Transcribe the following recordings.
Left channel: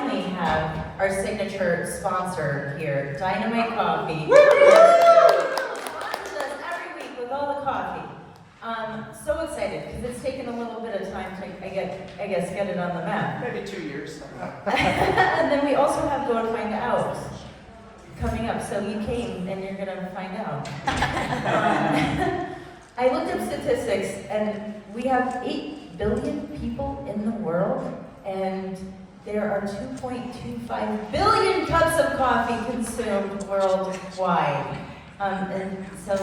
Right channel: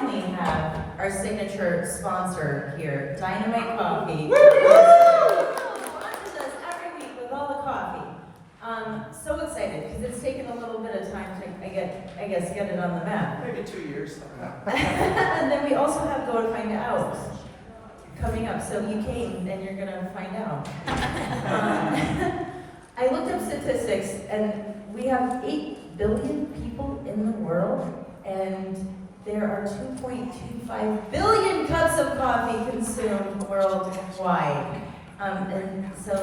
finally have our signature sponsor here, Dynamite Coffee. Woo! Every week with all the coffee. So excited because it's taken a little bit of time to, I guess, get it on the map. Maybe 2 years. And then we also have Go to Find Out coming up. So you came and you're gonna find out. I looked up statistics and we have 8 billion people in the world, and there are 2.25 billion cups of coffee consumed worldwide. And so,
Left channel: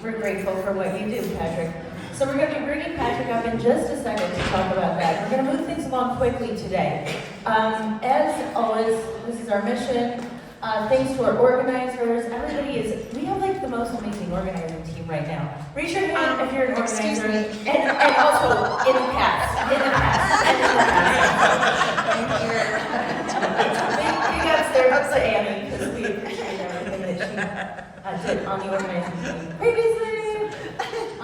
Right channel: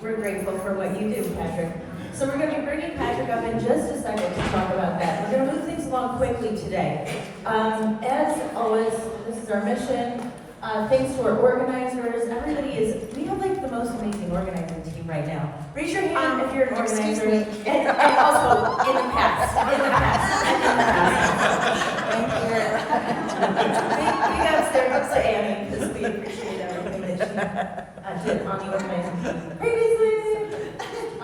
we're grateful for what you do, Patrick. So we're going to be bringing Patrick up in just a second to talk about that. We're going to move things along quickly today. As always, this is our mission. Thanks to our organizers. We have the most amazing organizing team right now. Raise your hand if you're an organizer. And also, in the past. Big ups there, ups to Annie, because we appreciate everything that she did on the organizing team previously.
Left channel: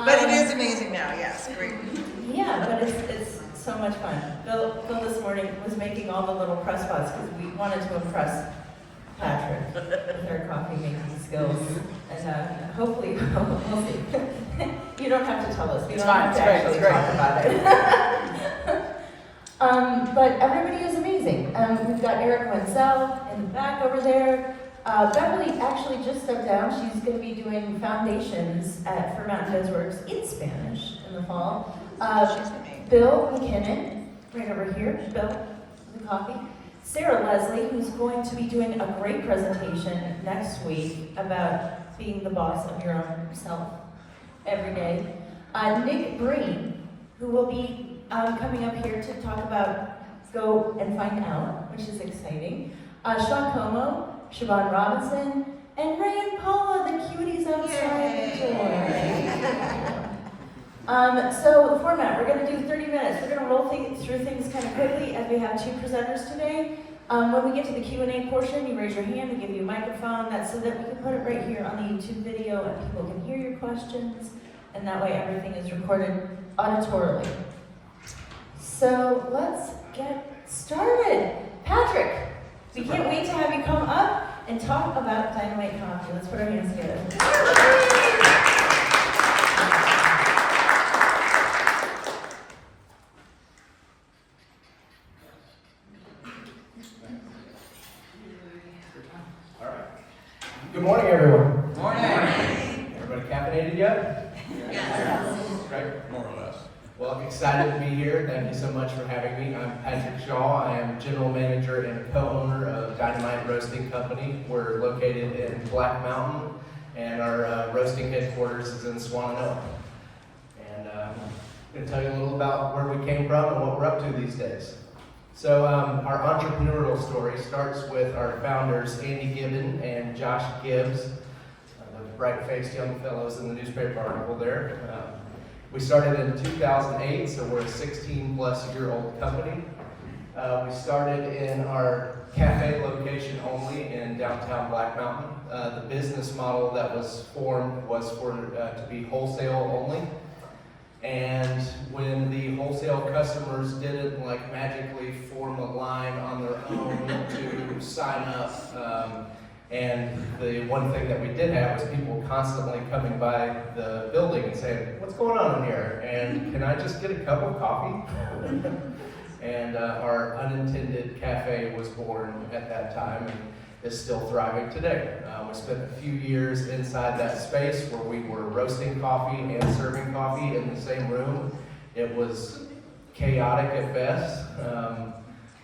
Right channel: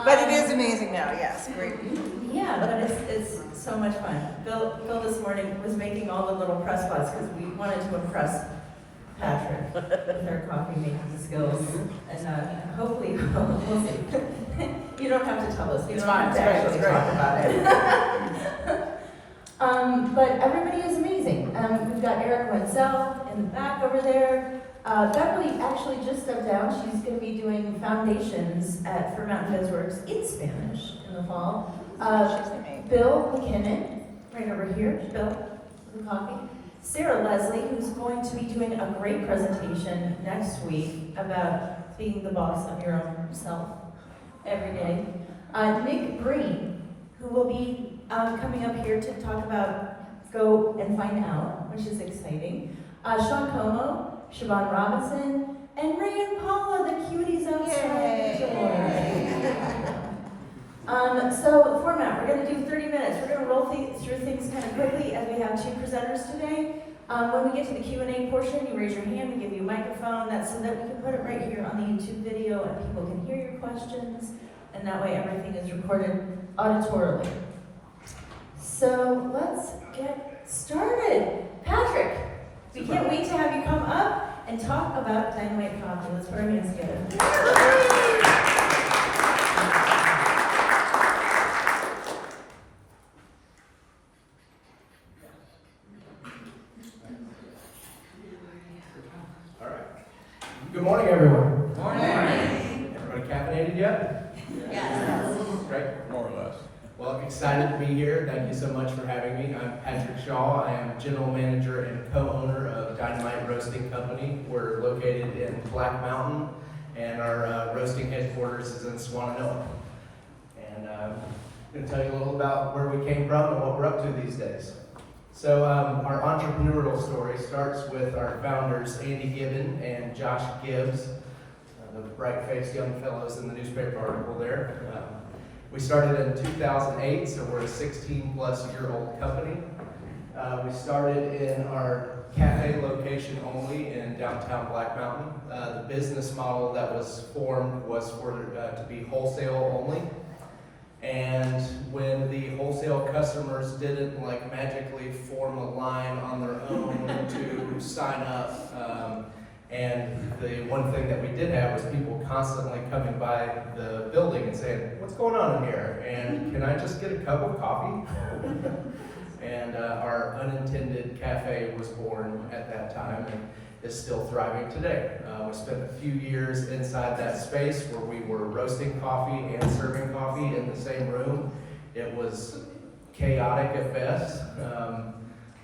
But it is amazing now, yes. Great. Yeah, but it's so much fun. Bill this morning was making all the little press bots because we wanted to impress Patrick with our coffee making skills, and hopefully we'll see. You don't have to tell us. We don't have to actually talk about it. But everybody is amazing. We've got Eric Wenzel in the back over there. Beverly actually just stepped down. She's going to be doing foundations for Mountain Feds Works in Spanish in the fall. Bill McKinnon, right over here. Bill, the coffee. Sarah Leslie, who's going to be doing a great presentation next week about being the boss of your own self every day. Nick Breen, who will be coming up here to talk about Go and Find Out, which is exciting. Sean Como, Siobhan Robinson, and Ray and Paula, the cuties outside. So the format, we're going to do 30 minutes. We're going to roll through things kind of quickly as we have 2 presenters today. When we get to the Q&A portion, you raise your hand, we give you a microphone, that's so that we can put it right here on the YouTube video and people can hear your questions, and that way everything is recorded auditorily. So let's get started. Patrick, we can't wait to have you come up and talk about Dynamite Coffee. Let's put our hands together. Good morning, everyone. Good morning. Everybody caffeinated yet? Yes. Great. More or less. Well, I'm excited to be here. Thank you so much for having me. I'm Patrick Shaw. I am General Manager and co-owner of Dynamite Roasting Company. We're located in Black Mountain, and our roasting headquarters is in Swananoa. And I'm going to tell you a little about where we came from and what we're up to these days. So our entrepreneurial story starts with our founders, Andy Gibbon and Josh Gibbs, the bright-faced young fellows in the newspaper article there. We started in 2008, so we're a 16-plus-year-old company. We started in our cafe location only in downtown Black Mountain. The business model that was formed was for to be wholesale only. And when the wholesale customers didn't magically form a line on their own to sign up, and the one thing that we did have was people constantly coming by the building and saying, "What's going on in here? And can I just get a cup of coffee?" And our unintended cafe was born at that time and is still thriving today. We spent a few years inside that space where we were roasting coffee and serving coffee in the same room. It was chaotic at best,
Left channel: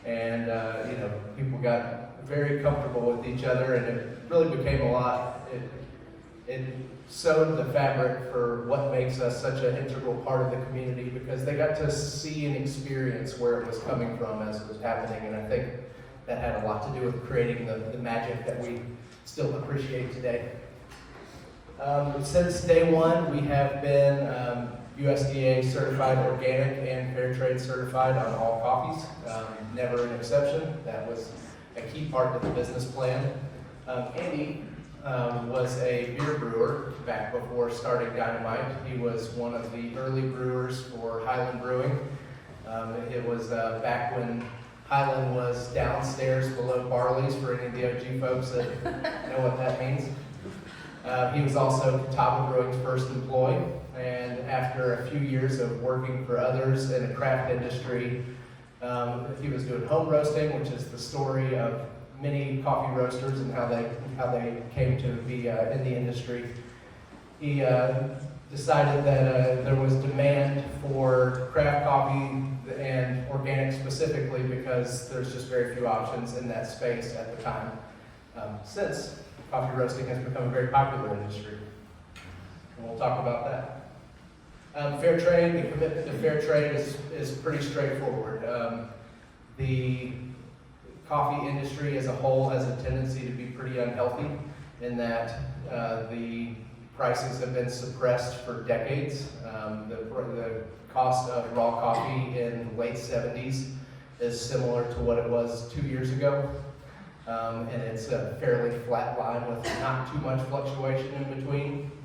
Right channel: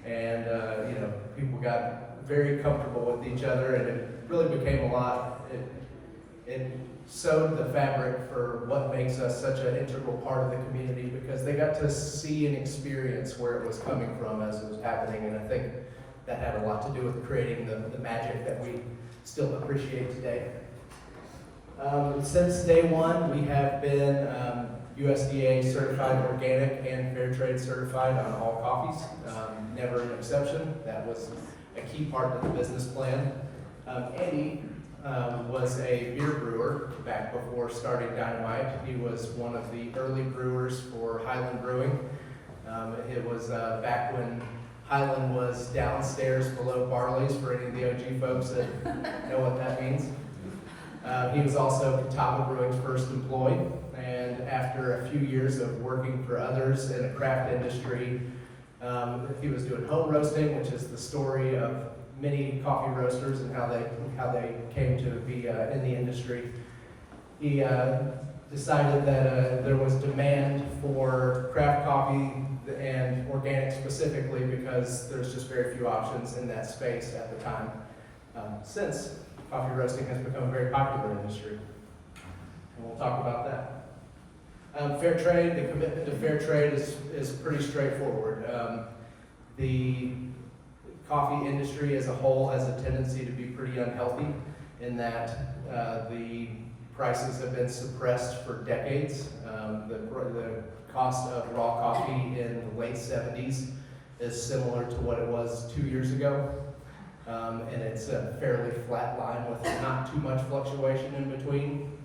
and people got very comfortable with each other, and it really became a lot. It sewed the fabric for what makes us such an integral part of the community, because they got to see and experience where it was coming from as it was happening, and I think that had a lot to do with creating the magic that we still appreciate today. Since day one, we have been USDA certified organic and fair trade certified on all coffees. Never an exception. That was a key part of the business plan. Andy was a beer brewer back before starting Dynamite. He was one of the early brewers for Highland Brewing. It was back when Highland was downstairs below Barley's for any of the OG folks that know what that means. He was also Catawba Brewing's first employee, and after a few years of working for others in a craft industry, he was doing home roasting, which is the story of many coffee roasters and how they came to be in the industry. He decided that there was demand for craft coffee and organic specifically because there's just very few options in that space at the time. Since coffee roasting has become a very popular industry, and we'll talk about that. Fair trade, the commitment to fair trade is pretty straightforward. The coffee industry as a whole has a tendency to be pretty unhealthy in that the prices have been suppressed for decades. The cost of raw coffee in the late 70s is similar to what it was 2 years ago. And it's a fairly flat line with not too much fluctuation in between.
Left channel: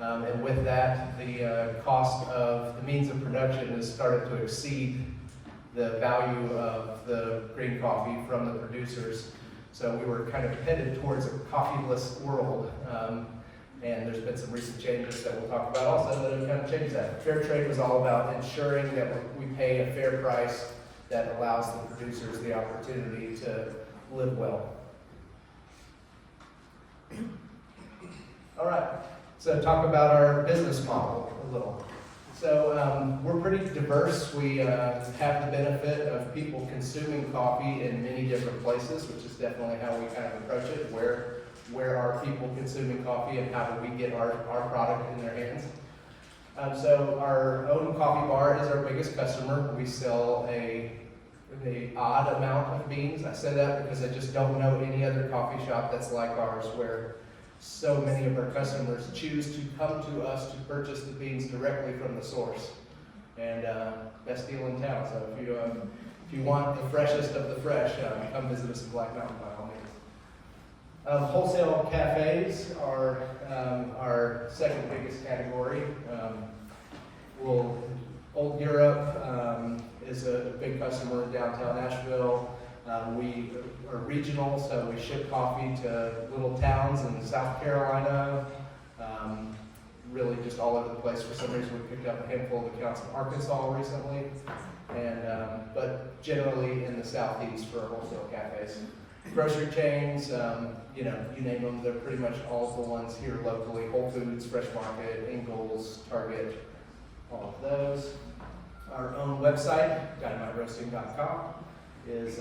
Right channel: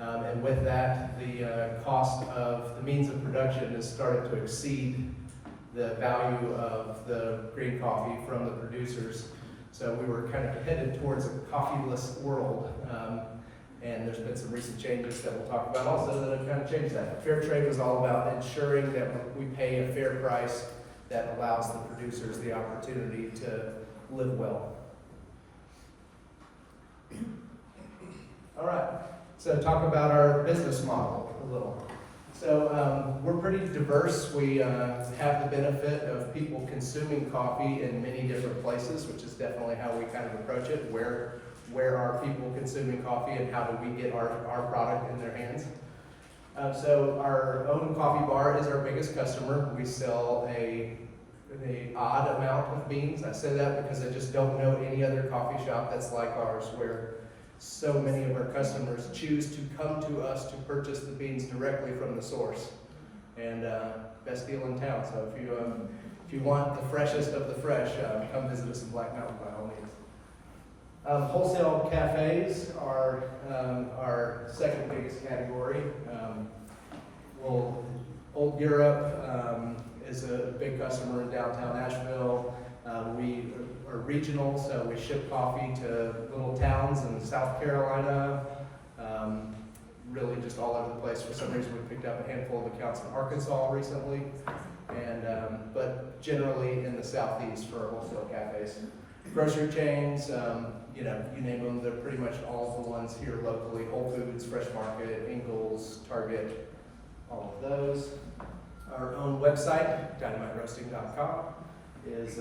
And with that, the cost of the means of production has started to exceed the value of the green coffee from the producers. So we were kind of headed towards a coffeeless world. And there's been some recent changes that we'll talk about also that have kind of changed that. Fair trade was all about ensuring that we pay a fair price that allows the producers the opportunity to live well. All right, so talk about our business model a little. So we're pretty diverse. We have the benefit of people consuming coffee in many different places, which is definitely how we kind of approach it. Where are people consuming coffee and how do we get our product in their hands? So our own coffee bar is our biggest customer. We sell an odd amount of beans. I say that because I just don't know any other coffee shop that's like ours where so many of our customers choose to come to us to purchase the beans directly from the source. And best deal in town. So if you want the freshest of the fresh, come visit us in Black Mountain by all means. Wholesale cafes are our second biggest category. Old Europe is a big customer in downtown Asheville. We are regional, so we ship coffee to little towns in South Carolina, really just all over the place. For some reason, we picked up a handful of accounts in Arkansas recently, and but generally in the Southeast for our wholesale cafes. Grocery chains, you name them, they're pretty much all of the ones here locally. Whole Foods, Fresh Market, Ingles, Target, all of those. Our own website, DynamiteRoasting.com, is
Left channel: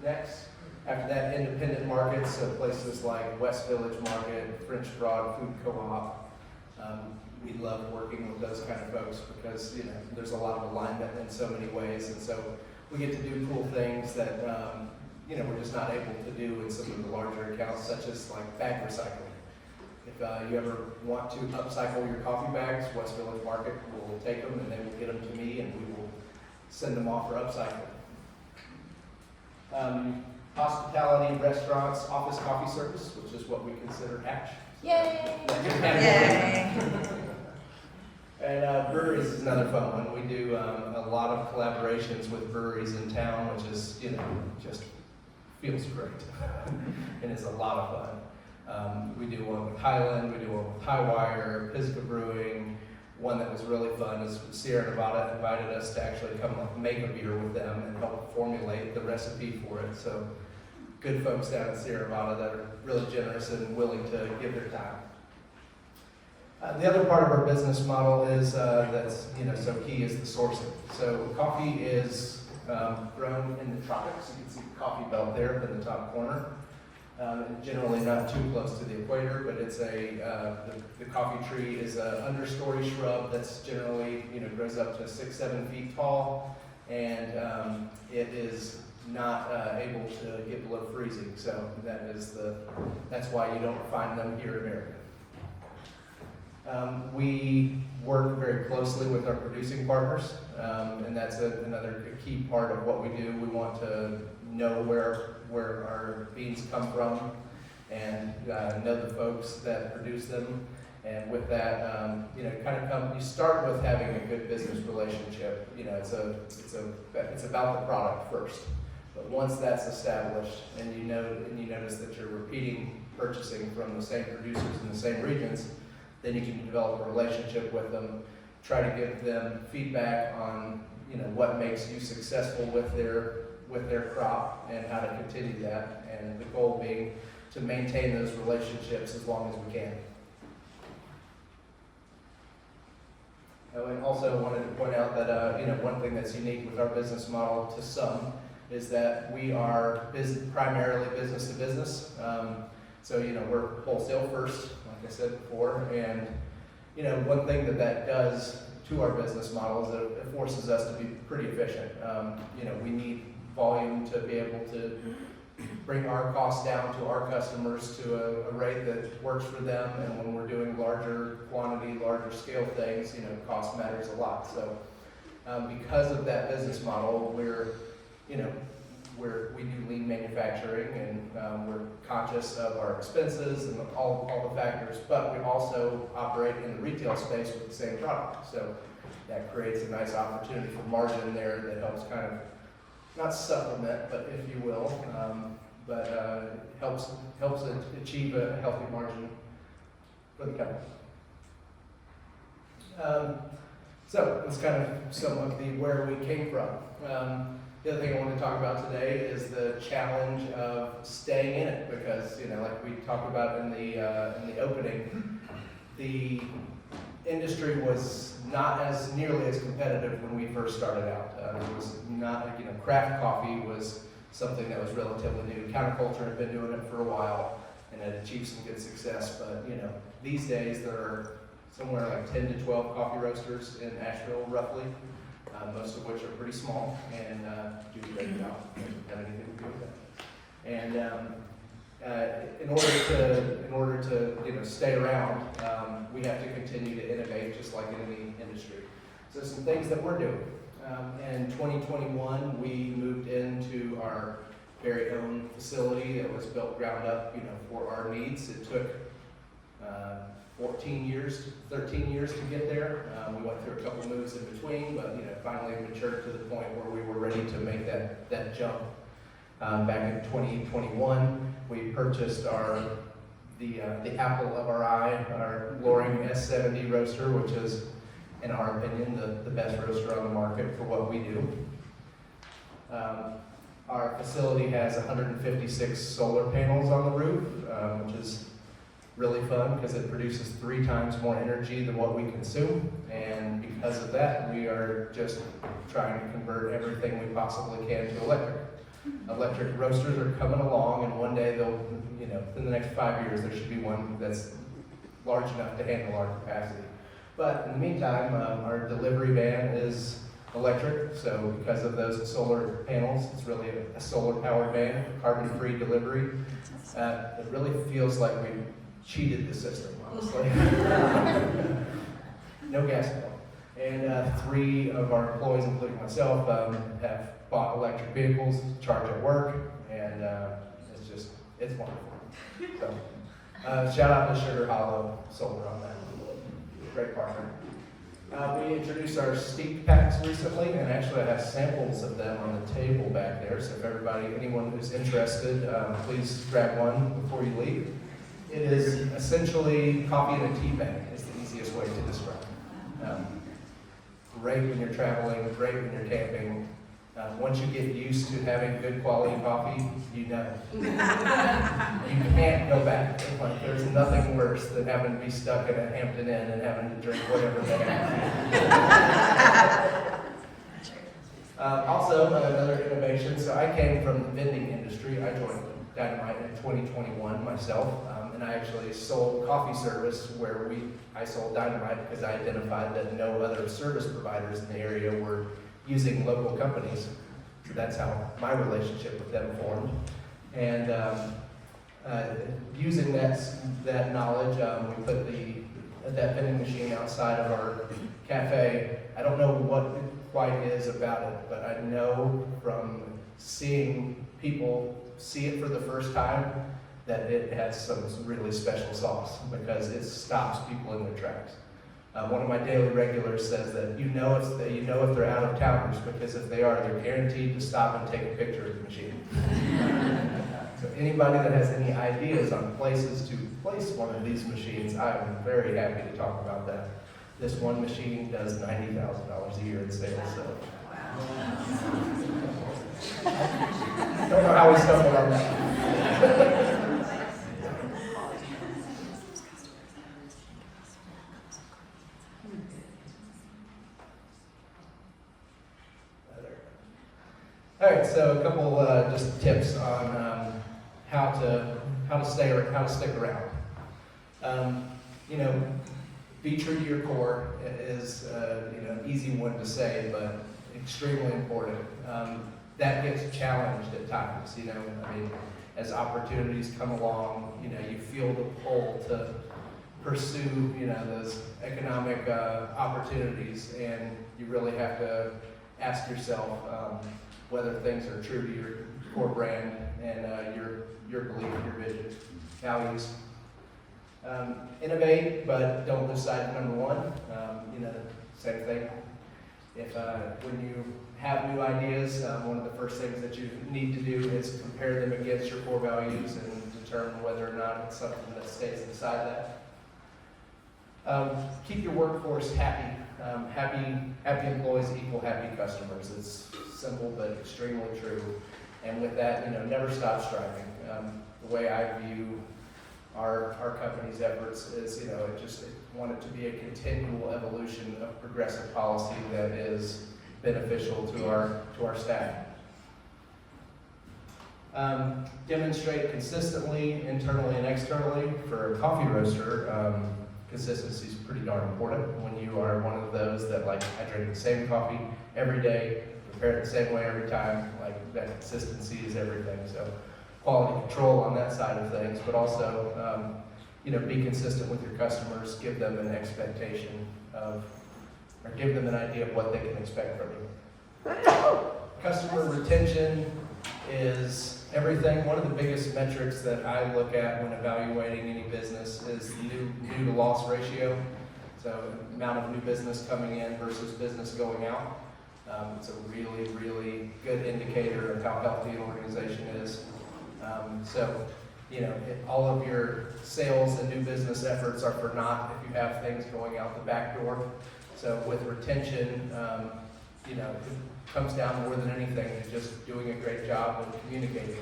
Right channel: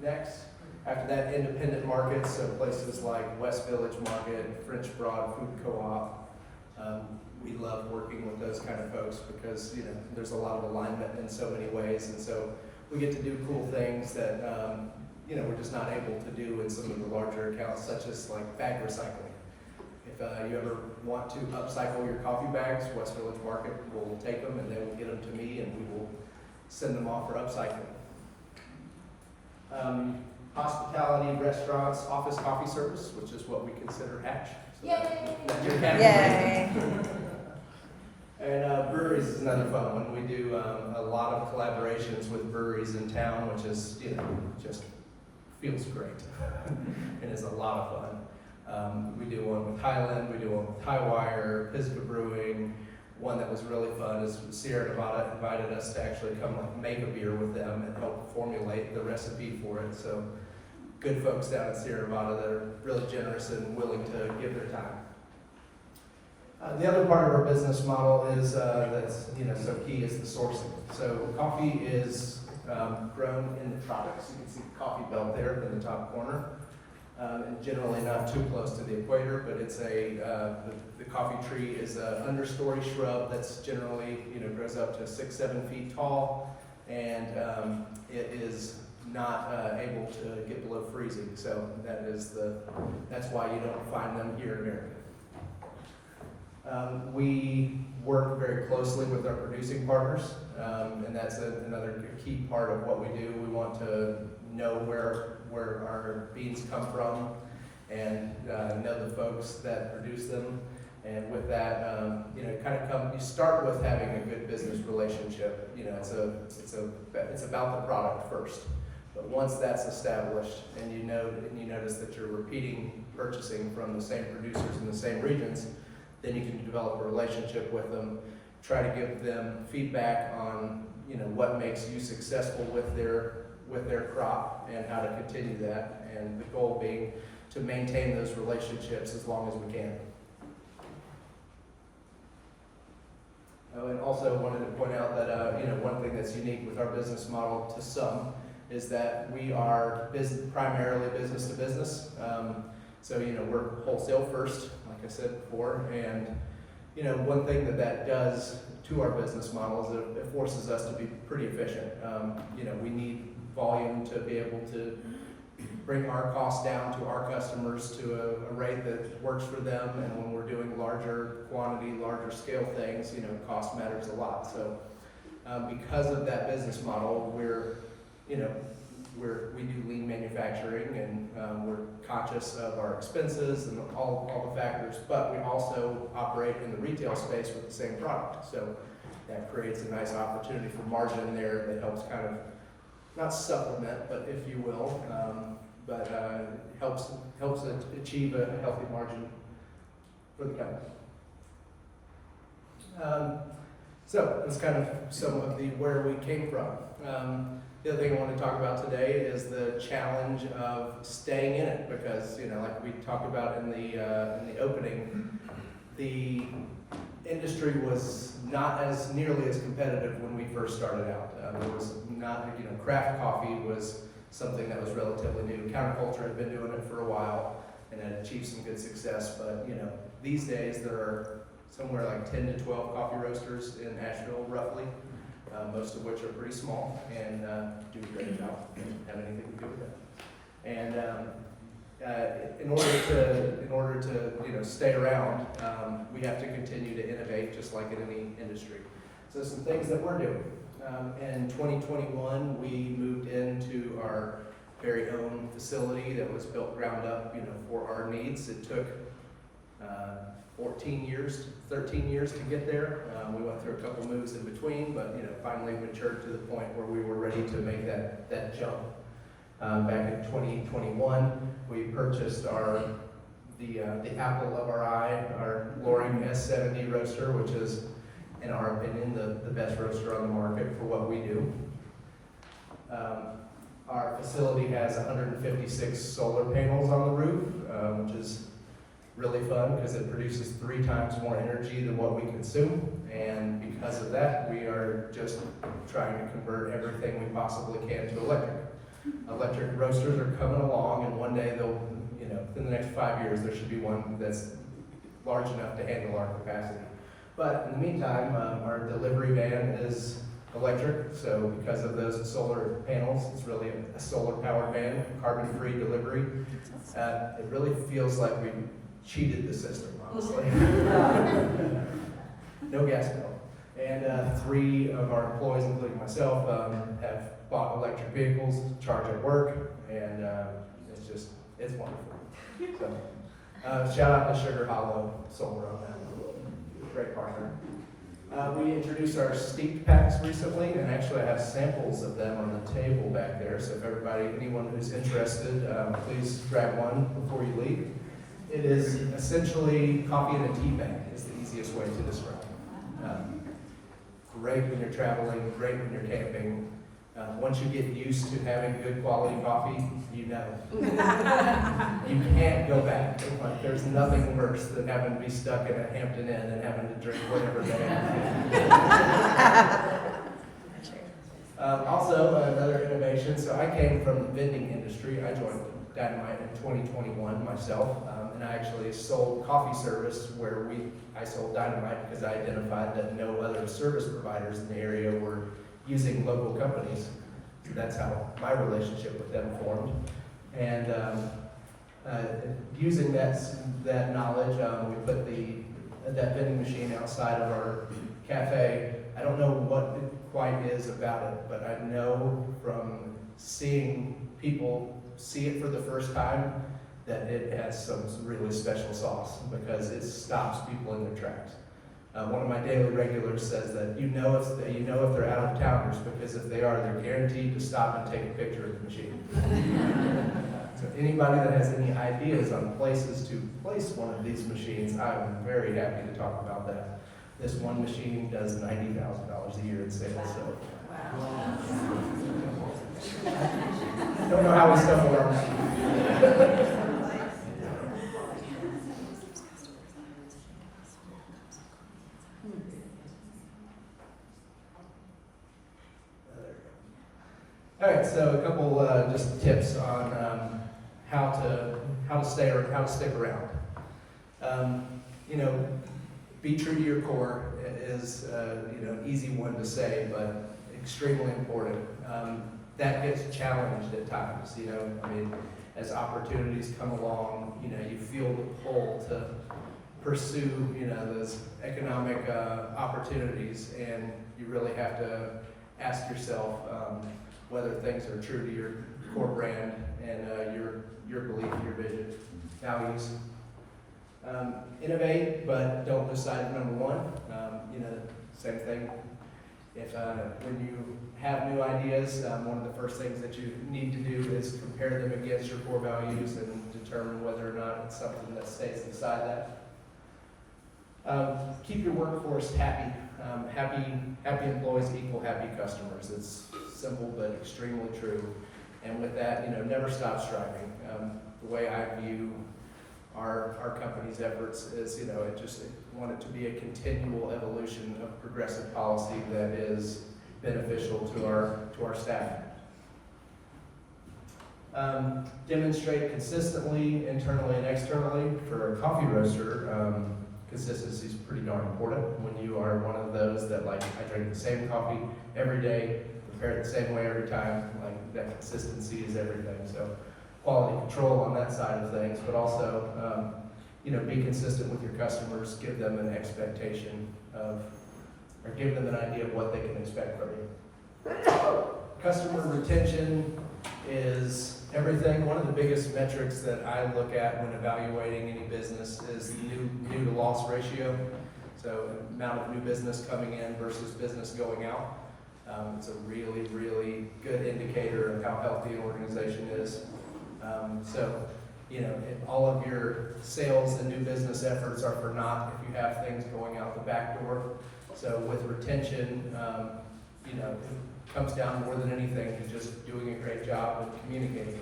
next. After that, independent markets, so places like West Village Market, French Broad Food Co-op. We love working with those kind of folks because there's a lot of alignment in so many ways, and so we get to do cool things that we're just not able to do in some of the larger accounts, such as like bag recycling. If you ever want to upcycle your coffee bags, West Village Market will take them and they will get them to me and we will send them off for upcycling. Hospitality, restaurants, office coffee service, which is what we consider Hatch. So Yay! And breweries is another fun one. We do a lot of collaborations with breweries in town, which is, just feels great and it's a lot of fun. We do one with Highland, we do one with Highwire, Pisgah Brewing. One that was really fun is Sierra Nevada invited us to actually come make a beer with them and help formulate the recipe for it. So good folks down in Sierra Nevada that are really generous and willing to give their time. The other part of our business model is that's so key is the sourcing. So coffee is grown in the tropics. You can see the coffee belt there in the top corner. And generally not too close to the equator, but it's the coffee tree is an understory shrub that's generally grows up to 6-7 feet tall, and it is not able to get below freezing. So that's why you don't find them here in America. We work very closely with our producing partners, and that's another key part of what we do. We want to know where our beans come from and know the folks that produce them And with that, you start with having a good business relationship. It's about the product first. But once that's established, and you notice that you're repeating purchasing from the same producers in the same regions, then you can develop a relationship with them, try to give them feedback on what makes you successful with their crop and how to continue that, and the goal being to maintain those relationships as long as we can. And also wanted to point out that one thing that's unique with our business model to some is that we are primarily business to business. So we're wholesale first, like I said before, and one thing that does to our business model is that it forces us to be pretty efficient. We need volume to be able to bring our costs down to our customers to a rate that works for them, and when we're doing larger quantity, larger scale things, cost matters a lot. So because of that business model, we do lean manufacturing, and we're conscious of our expenses and all the factors, but we also operate in the retail space with the same product. So that creates a nice opportunity for margin there that helps kind of, not supplement, but if you will, helps it achieve a healthy margin for the company. So that's kind of some of the where we came from. The other thing I want to talk about today is the challenge of staying in it, because like we talked about in the opening, the industry was not as nearly as competitive when we first started out. It was not, craft coffee was something that was relatively new. Counterculture had been doing it for a while and had achieved some good success, but these days there are somewhere like 10 to 12 coffee roasters in Asheville, roughly. Most of which are pretty small and do a great job. Don't have anything to do with that. And in order to stay around, we have to continue to innovate, just like in any industry. So some things that we're doing. In 2021, we moved into our very own facility that was built ground up, for our needs. It took 13 years to get there. We went through a couple moves in between, but finally matured to the point where we were ready to make that jump. Back in 2021, we purchased the apple of our eye, our Loring S70 roaster, which is, in our opinion, the best roaster on the market for what we do. Our facility has 156 solar panels on the roof, which is really fun because it produces 3 times more energy than what we consume, and because of that, we are just trying to convert everything we possibly can to electric. Electric roasters are coming along, and one day they'll, in the next 5 years, there should be one that's large enough to handle our capacity. But in the meantime, our delivery van is electric, so because of those solar panels, it's really a solar-powered van, carbon-free delivery. It really feels like we cheated the system, honestly. No gas bill. And 3 of our employees, including myself, have bought electric vehicles to charge at work, and it's wonderful. So, shout out to Sugar Hollow Solar on that. Great partner. We introduced our steep packs recently, and actually I have samples of them on the table back there, so if anyone who's interested, please grab one before you leave. It is essentially coffee in a tea bag, is the easiest way to describe it. Great when you're traveling, great when you're camping. Once you get used to having good quality coffee, you can't go back. There's nothing worse than having to be stuck in a Hampton Inn and having to drink whatever they have. Also, another innovation. So I came from the vending industry. I joined Dynamite in 2021 myself, and I actually sold coffee service where I sold Dynamite because I identified that no other service providers in the area were using local companies. So that's how my relationship with them formed. And using that knowledge, we put that vending machine outside of our cafe. I don't know what it quite is about it, but I know from seeing people see it for the first time that it has some really special sauce because it stops people in their tracks. One of my daily regulars says that you know if they're out of towners because if they are, they're guaranteed to stop and take a picture of the machine. So anybody that has any ideas on places to place one of these machines, I am very happy to talk about that. This one machine does $90,000 a year in sales, so. Don't know how we stumbled on that. All right, so a couple just tips on how to stick around. Be true to your core is an easy one to say, but extremely important. That gets challenged at times. As opportunities come along, you feel the pull to pursue those economic opportunities, and you really have to ask yourself whether things are true to your core brand and your belief, your vision, values. Innovate, but don't lose sight of number one. Same thing. When you have new ideas, one of the first things that you need to do is compare them against your core values and determine whether or not it's something that stays inside that. Keep your workforce happy. Happy employees equal happy customers. It's simple but extremely true. And with that, never stop striving. The way I view our company's efforts is, I want it to be a continual evolution of progressive policy that is beneficial to our staff. Demonstrate consistently, internally and externally. For a coffee roaster, consistency is pretty darn important. When you are one of those that I drink the same coffee every day, prepare it the same way every time, that consistency is everything. So quality control on that side of things, but also, be consistent with your customers, give them an expectation or give them an idea of what they can expect from you. Customer retention is everything. One of the biggest metrics that I look at when evaluating any business is new to loss ratio. So amount of new business coming in versus business going out. It's a really, really good indicator of how healthy an organization is. All of your sales and new business efforts are for naught if you have things going out the back door. So with retention, it comes down more than anything to just doing a great job of communicating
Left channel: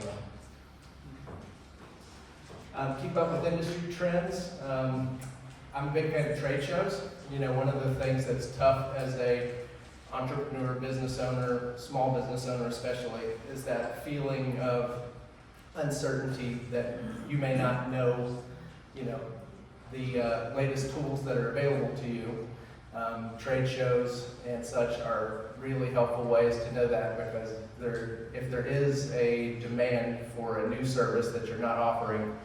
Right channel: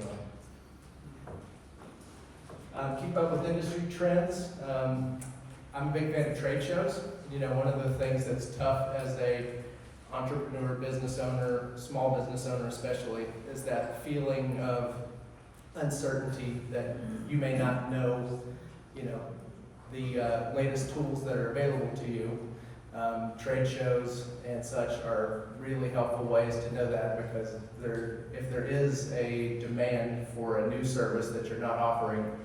well. Keep up with industry trends. I'm a big fan of trade shows. One of the things that's tough as a entrepreneur, business owner, small business owner especially, is that feeling of uncertainty that you may not know, the latest tools that are available to you. Trade shows and such are really helpful ways to know that, because if there is a demand for a new service that you're not offering,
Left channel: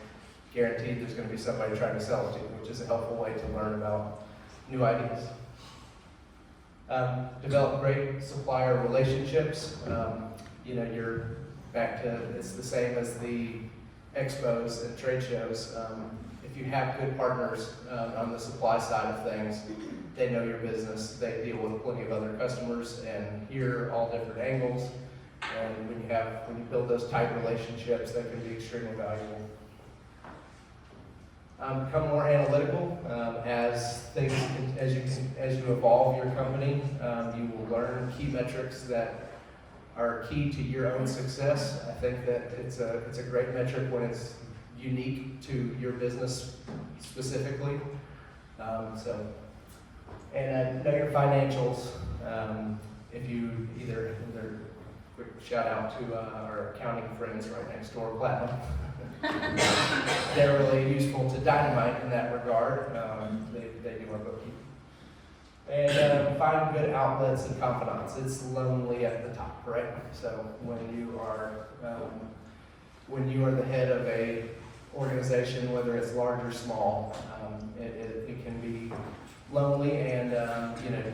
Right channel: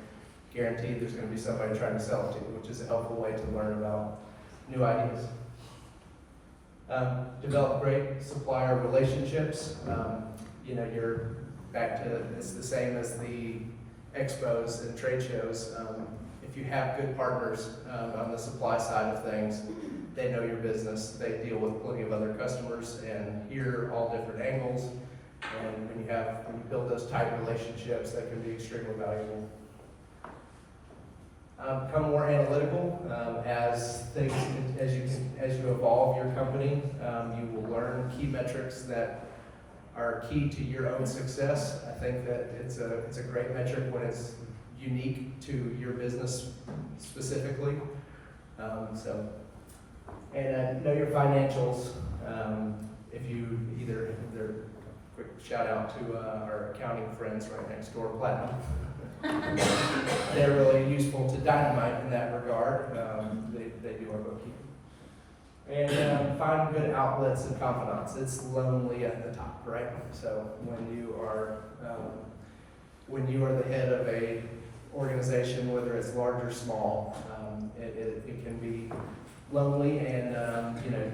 guaranteed there's going to be somebody trying to sell it to you, which is a helpful way to learn about new ideas. Develop great supplier relationships. You're back to, it's the same as the expos and trade shows. If you have good partners on the supply side of things, they know your business, they deal with plenty of other customers and hear all different angles. And when you build those tight relationships, that can be extremely valuable. Become more analytical as you evolve your company. You will learn key metrics that are key to your own success. I think that it's a great metric when it's unique to your business specifically. And know your financials. If you quick shout out to our accounting friends right next door, Platinum. They're really useful to Dynamite in that regard. They do our bookkeeping. And find good outlets and confidants. It's lonely at the top, right? So when you are the head of a organization, whether it's large or small, it can be lonely, and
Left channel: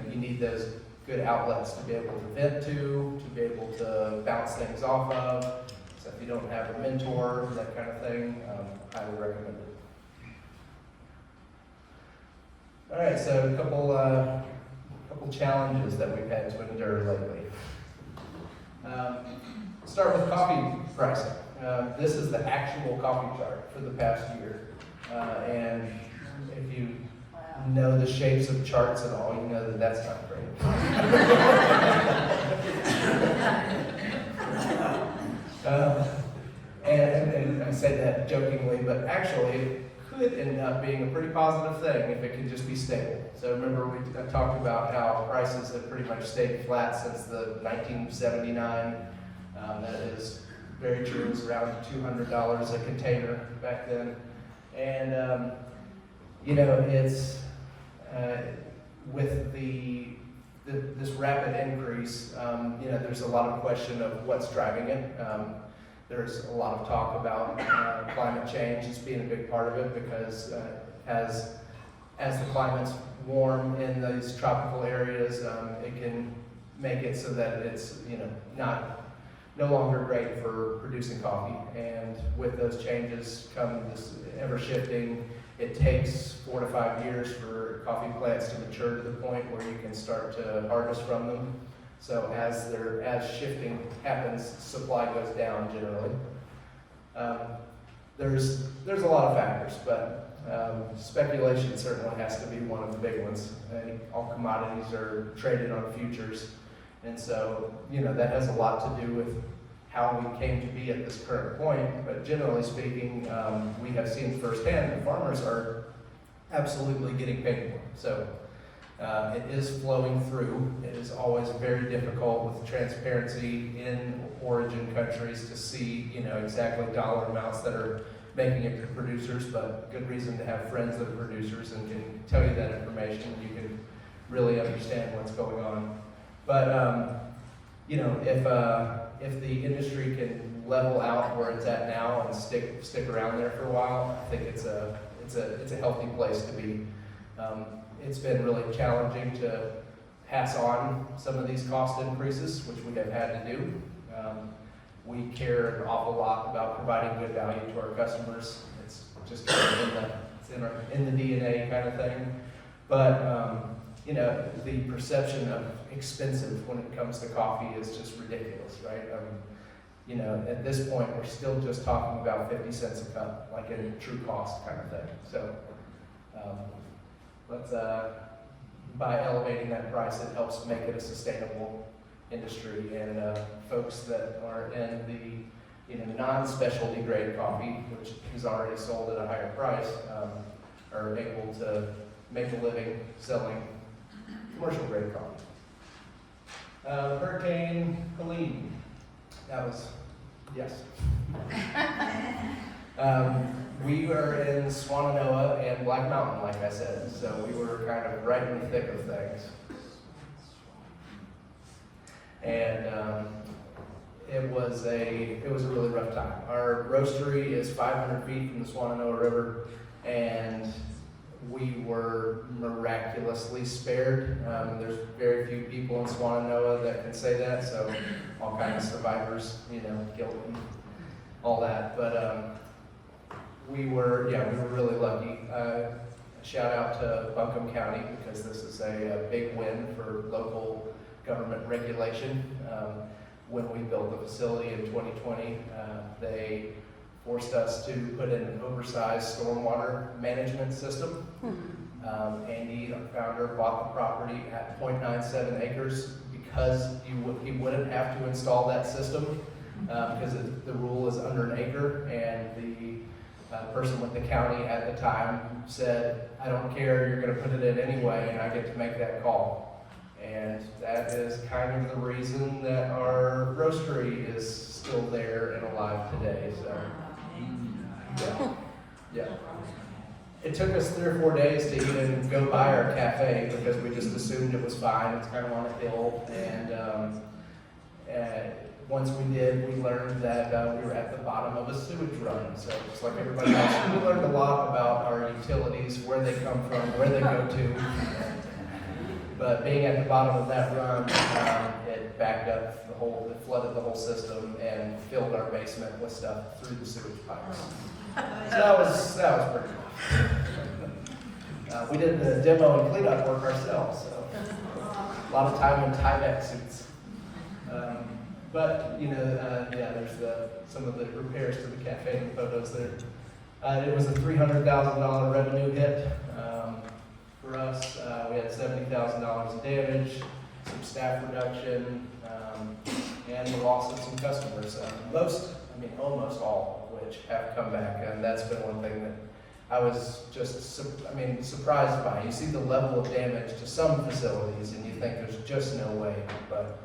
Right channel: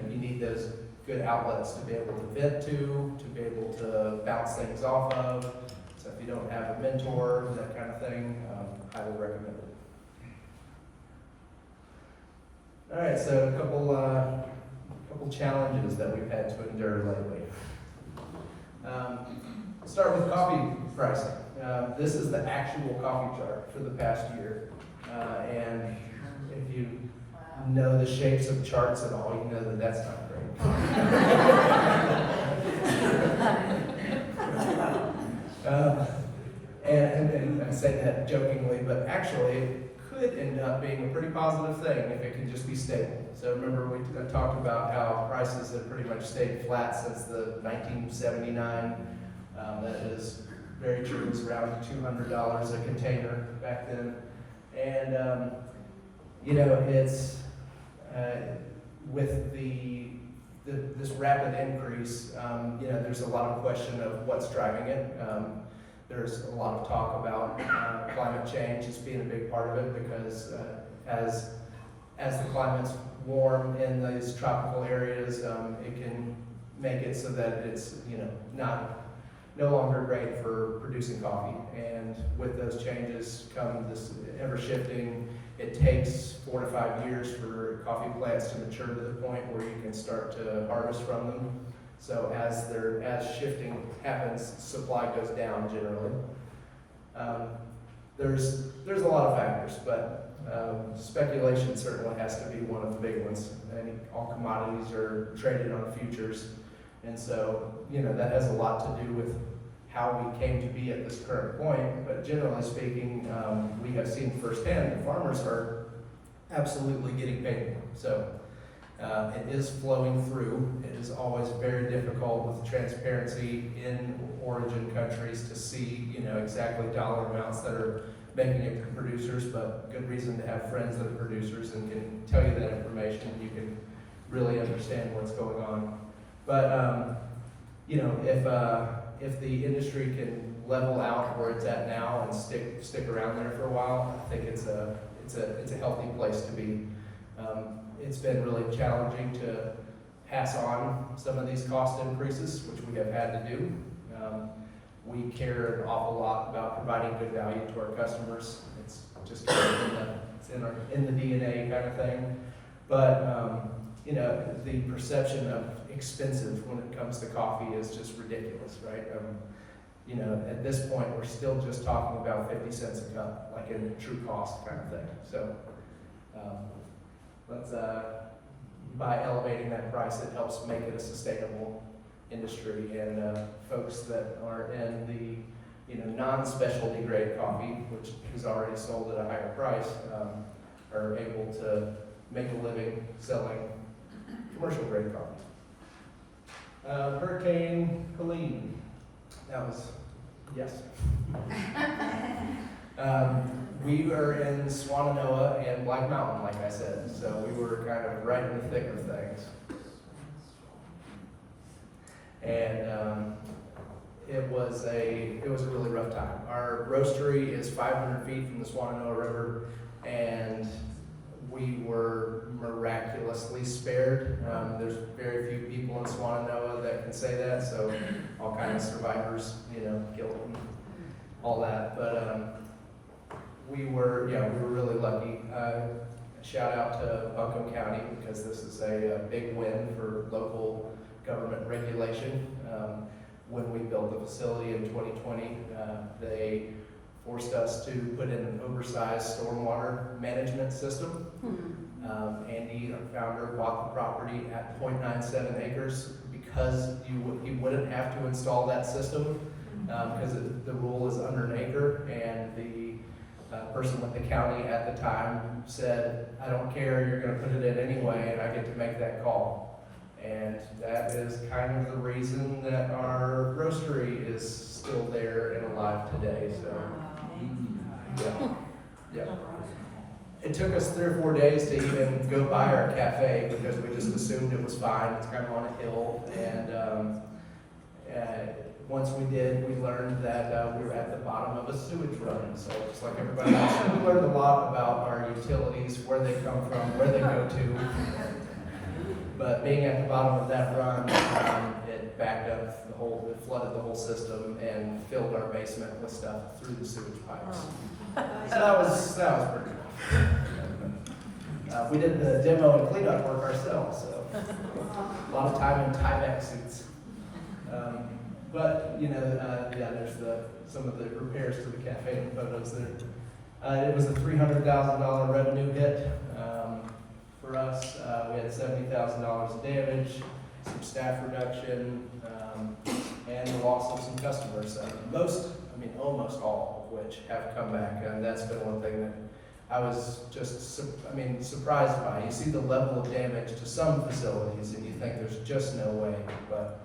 you need those good outlets to be able to vent to be able to bounce things off of. So I you don't have a mentor, that kind of thing, highly recommend it. All right, so a couple challenges that we've had to endure lately. Start with coffee pricing. This is the actual coffee chart for the past year. And if you know the shapes of charts at all, you know that that's not great. And I say that jokingly, but actually it could end up being a pretty positive thing if it can just be stable. So remember we talked about how prices have pretty much stayed flat since the 1979. That is very true. It was around $200 a container back then. And it's with this rapid increase, there's a lot of question of what's driving it. There's a lot of talk about climate change as being a big part of it, because as the climate's warm in these tropical areas, it can make it so that it's no longer great for producing coffee. And with those changes come this ever shifting. It takes 4 to 5 years for coffee plants to mature to the point where you can start to harvest from them. So as shifting happens, supply goes down generally. There's a lot of factors, but speculation certainly has to be one of the big ones. And all commodities are traded on futures, and so that has a lot to do with how we came to be at this current point. But generally speaking, we have seen firsthand that farmers are absolutely getting paid more. So it is flowing through. It is always very difficult with transparency in origin countries to see, exactly dollar amounts that are making it to producers, but good reason to have friends that are producers and can tell you that information. You can really understand what's going on. But, if the industry can level out where it's at now and stick around there for a while, I think it's a healthy place to be. It's been really challenging to pass on some of these cost increases, which we have had to do. We care an awful lot about providing good value to our customers. It's just kind of in the DNA kind of thing. But the perception of expensive when it comes to coffee is just ridiculous, right? At this point, we're still just talking about 50 cents a cup, like in true cost kind of thing. So by elevating that price, it helps make it a sustainable industry, and folks that are in the non-specialty grade coffee, which is already sold at a higher price, are able to make a living selling commercial grade coffee. Hurricane Helene. That was, yes. We were in Swannanoa and Black Mountain, like I said, so we were kind of right in the thick of things. And it was a really rough time. Our roastery is 500 feet from the Swannanoa River, and we were miraculously spared. There's very few people in Swannanoa that can say that, so all kinds of survivors, guilt and all that. But we were really lucky. Shout out to Buncombe County, because this is a big win for local government regulation. When we built the facility in 2020, they forced us to put in an oversized stormwater management system. Andy, our founder, bought the property at 0.97 acres because he wouldn't have to install that system, because the rule is under an acre, and the person with the county at the time said, "I don't care, you're going to put it in anyway, and I get to make that call." And that is kind of the reason that our roastery is still there and alive today. So, yeah. It took us 3 or 4 days to even go by our cafe, because we just assumed it was fine. It's kind of on a hill, and once we did, we learned that we were at the bottom of a sewage run. So just like everybody else, we learned a lot about our utilities, where they come from, where they go to. But being at the bottom of that run, it it backed up it flooded the whole system and filled our basement with stuff through the sewage pipes. So that was pretty rough. We did the demo and cleanup work ourselves, so a lot of time in tie-back suits. But there's some of the repairs to the cafe and photos there. It was a $300,000 revenue hit for us. We had $70,000 of damage, some staff reduction, and the loss of some customers. Almost all of which have come back, and that's been one thing that I was just, surprised by. You see the level of damage to some facilities, and you think there's just no way. But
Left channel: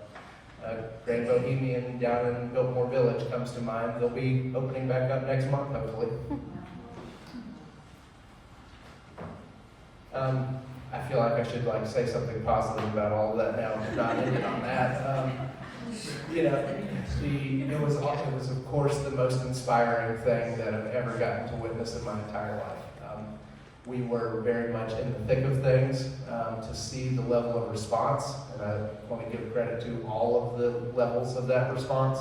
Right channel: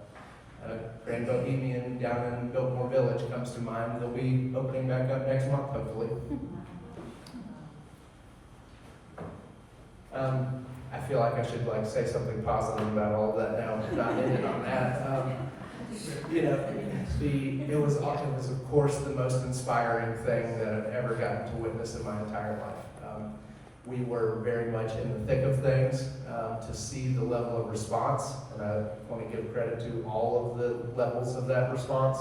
Grand Bohemian down in Biltmore Village comes to mind. They'll be opening back up next month, hopefully. I feel like I should say something positive about all that now, not end it on that. It was of course the most inspiring thing that I've ever gotten to witness in my entire life. We were very much in the thick of things. To see the level of response, and I want to give credit to all of the levels of that response.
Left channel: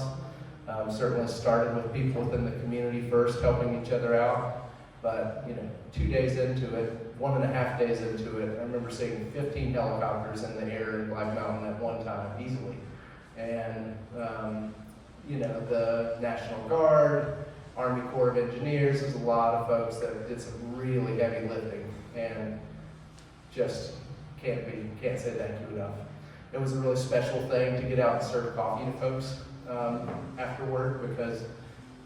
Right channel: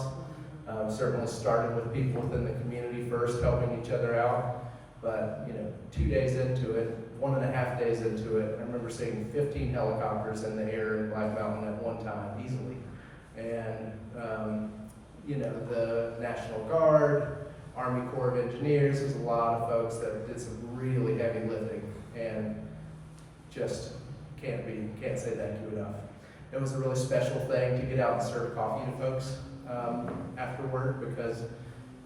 Certainly started with people within the community first, helping each other out. But 2 days into it, 1.5 days into it, I remember seeing 15 helicopters in the air in Black Mountain at one time, easily. And the National Guard, Army Corps of Engineers, there's a lot of folks that did some really heavy lifting, and just can't say thank you enough. It was a really special thing to get out and serve coffee to folks after work, because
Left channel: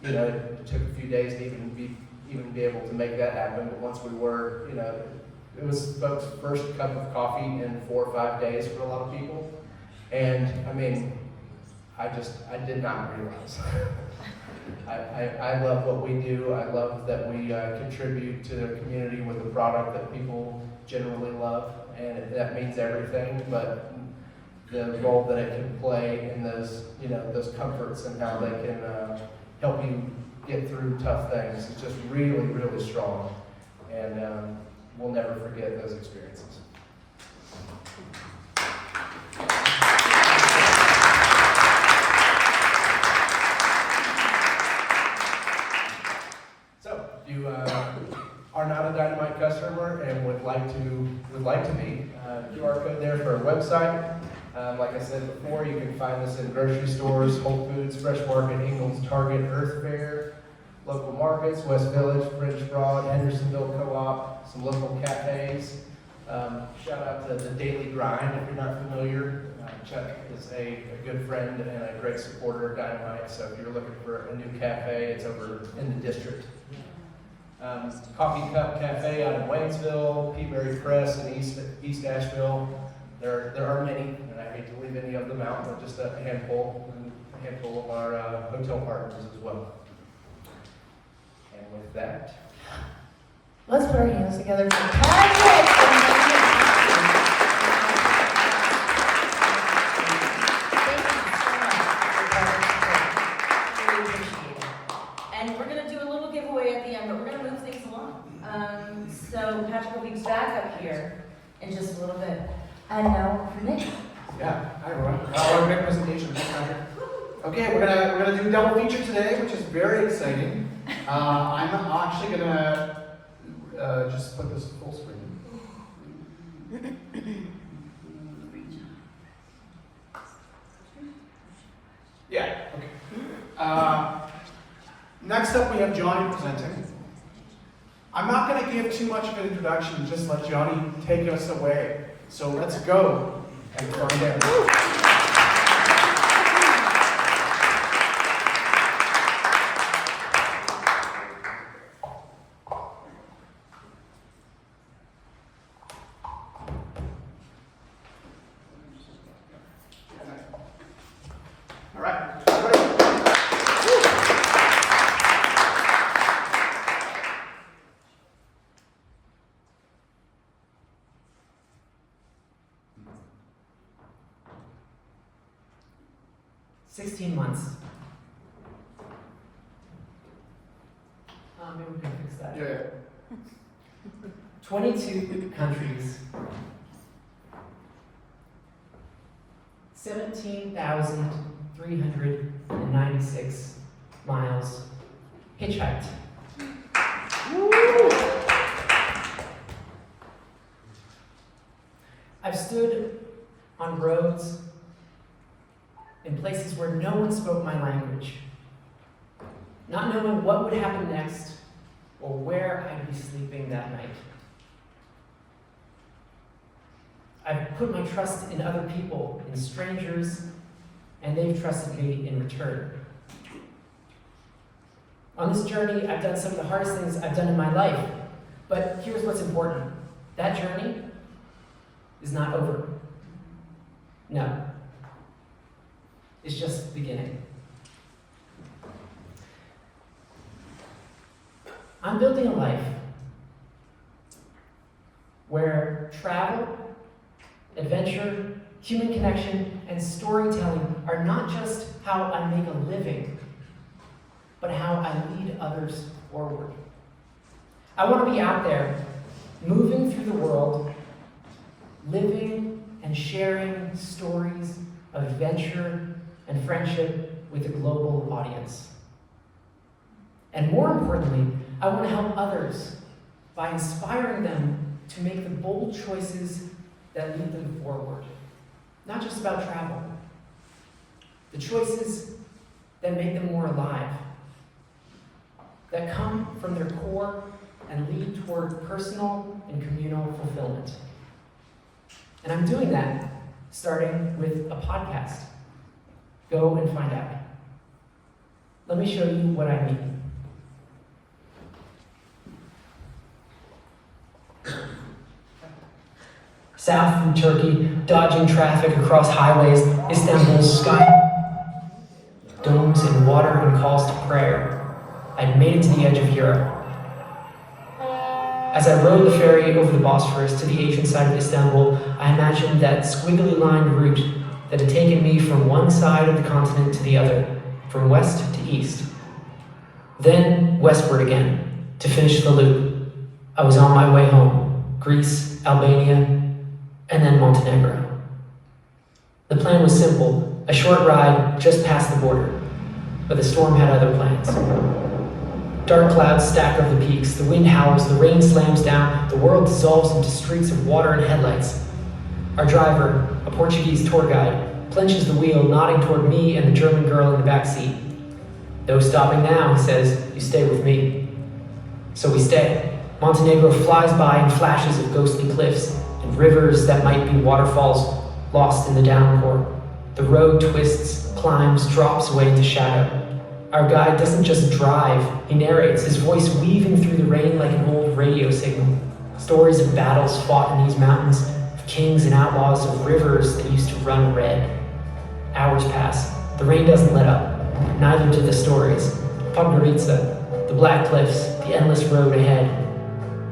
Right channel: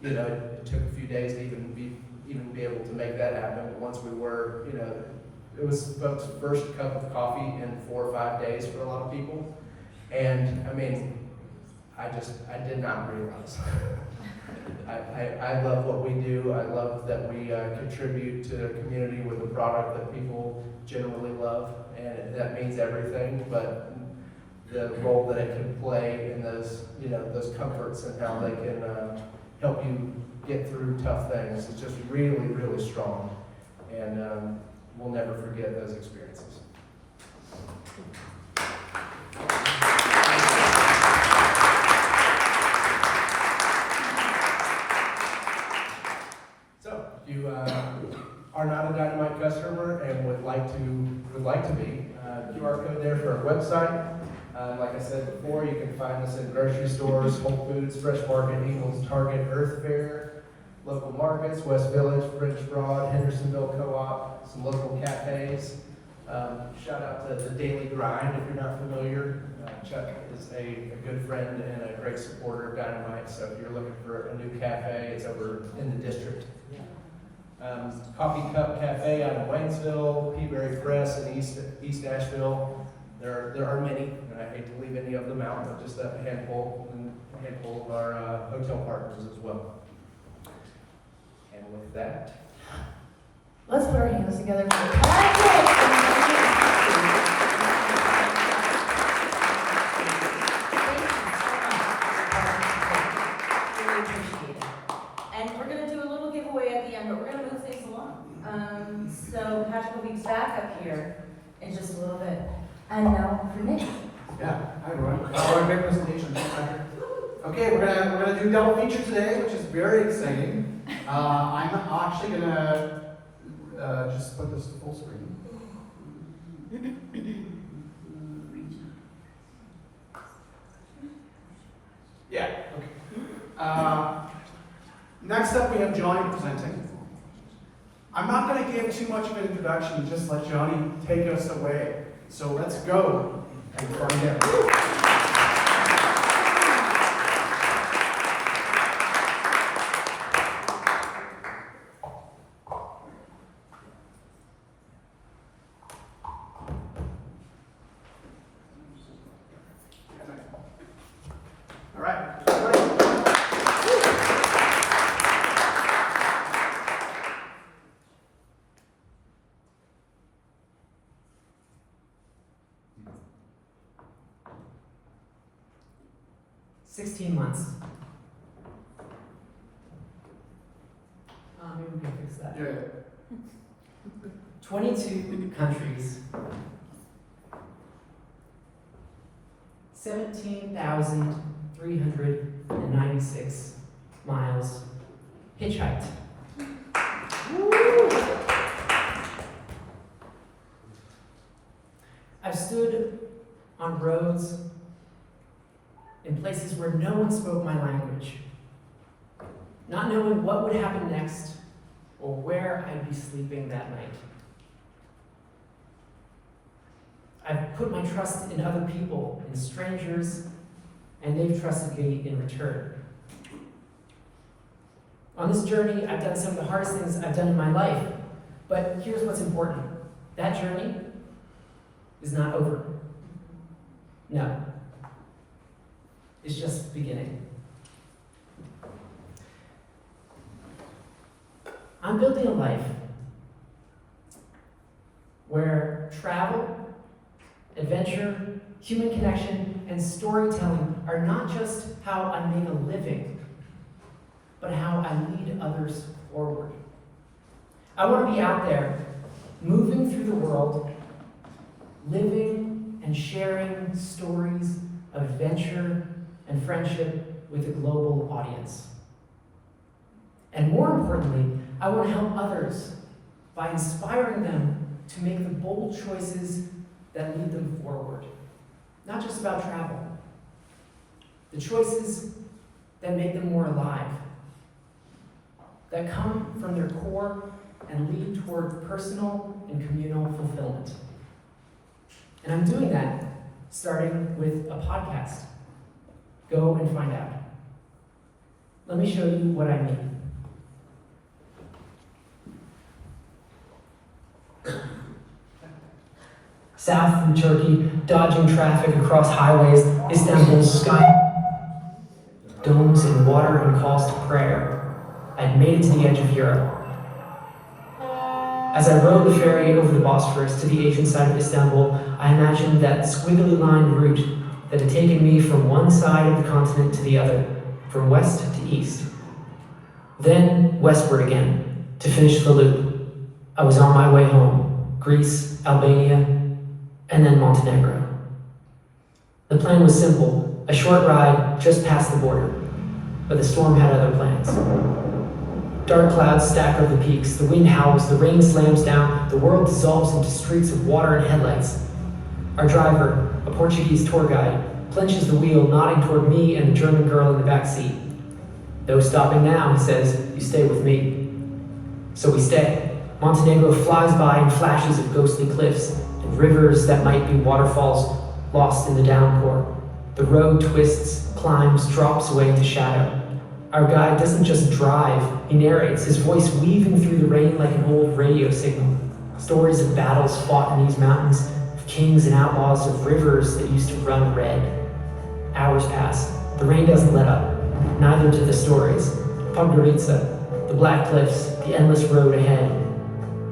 it took a few days to even be able to make that happen. But once we were, it was folks' first cup of coffee in 4 or 5 days for a lot of people. And I did not realize. I love what we do. I love that we contribute to the community with a product that people generally love, and that means everything. But the role that it can play in those comforts and how they can help you get through tough things is just really, really strong. And we'll never forget those experiences. So, if you are not a Dynamite customer and would like to be, QR code there for our website. Like I said before, you can find us in grocery stores, Whole Foods, Fresh Market, Ingles, Target, Earth Fair, local markets, West Village, French Broad, Hendersonville Co-op, some local cafes. Shout out to the Daily Grind if you're not familiar. Chuck is a good friend and a great supporter of Dynamite, so if you're looking for a new cafe, it's over in the district. Coffee Cup Cafe out of Waynesville, Peaberry Press in East Asheville. There are many, and I hate to leave any of them out, but just a handful of our hotel partners as well. And with that, let's put our hands together for Patrick. And we're going to do a little giveaway at the end, but we're going to move things along. So Patrick will be back up here in just a little bit. And now for Nick. Yeah, hi everyone. Our big presentation. Okay, we're gonna do a double feature today, which is very exciting. I'm actually gonna just put this full screen. Yeah. Okay. Next up, we have Johnny presenting. I'm not going to give too much of an introduction, just let Johnny take us away. So let's go. And from there. All right. 16 months. Maybe we can fix that. Yeah. 22 countries. 17,396 miles hitchhiked. I've stood on roads in places where no one spoke my language, not knowing what would happen next or where I'd be sleeping that night. I've put my trust in other people, in strangers, and they've trusted me in return. On this journey, I've done some of the hardest things I've done in my life, but here's what's important. That journey is not over. No. It's just beginning. I'm building a life where travel, adventure, human connection, and storytelling are not just how I make a living, but how I lead others forward. I want to be out there, moving through the world, living and sharing stories of adventure and friendship with a global audience. And more importantly, I want to help others by inspiring them to make the bold choices that lead them forward. Not just about travel. The choices that make them more alive, that come from their core and lead toward personal and communal fulfillment. And I'm doing that starting with a podcast. Go and find out. Let me show you what I mean. South from Turkey, dodging traffic across highways, Istanbul's sky, domes and water and calls to prayer. I'd made it to the edge of Europe. As I rode the ferry over the Bosphorus to the Asian side of Istanbul, I imagined that squiggly lined route that had taken me from one side of the continent to the other, from west to east. Then westward again, to finish the loop. I was on my way home, Greece, Albania, and then Montenegro. The plan was simple, a short ride just past the border, but the storm had other plans. Dark clouds stack over the peaks, the wind howls, the rain slams down, the world dissolves into streaks of water and headlights. Our driver, a Portuguese tour guide, clenches the wheel, nodding toward me and the German girl in the back seat. No stopping now, he says, you stay with me. So we stay. Montenegro flies by in flashes of ghostly cliffs and rivers that might be waterfalls lost in the downpour. The road twists, climbs, drops away into shadow. Our guide doesn't just drive, he narrates, his voice weaving through the rain like an old radio signal. Stories of battles fought in these mountains, of kings and outlaws, of rivers that used to run red. Hours pass. The rain doesn't let up. Neither do the stories. Podgorica, the black cliffs, the endless road ahead.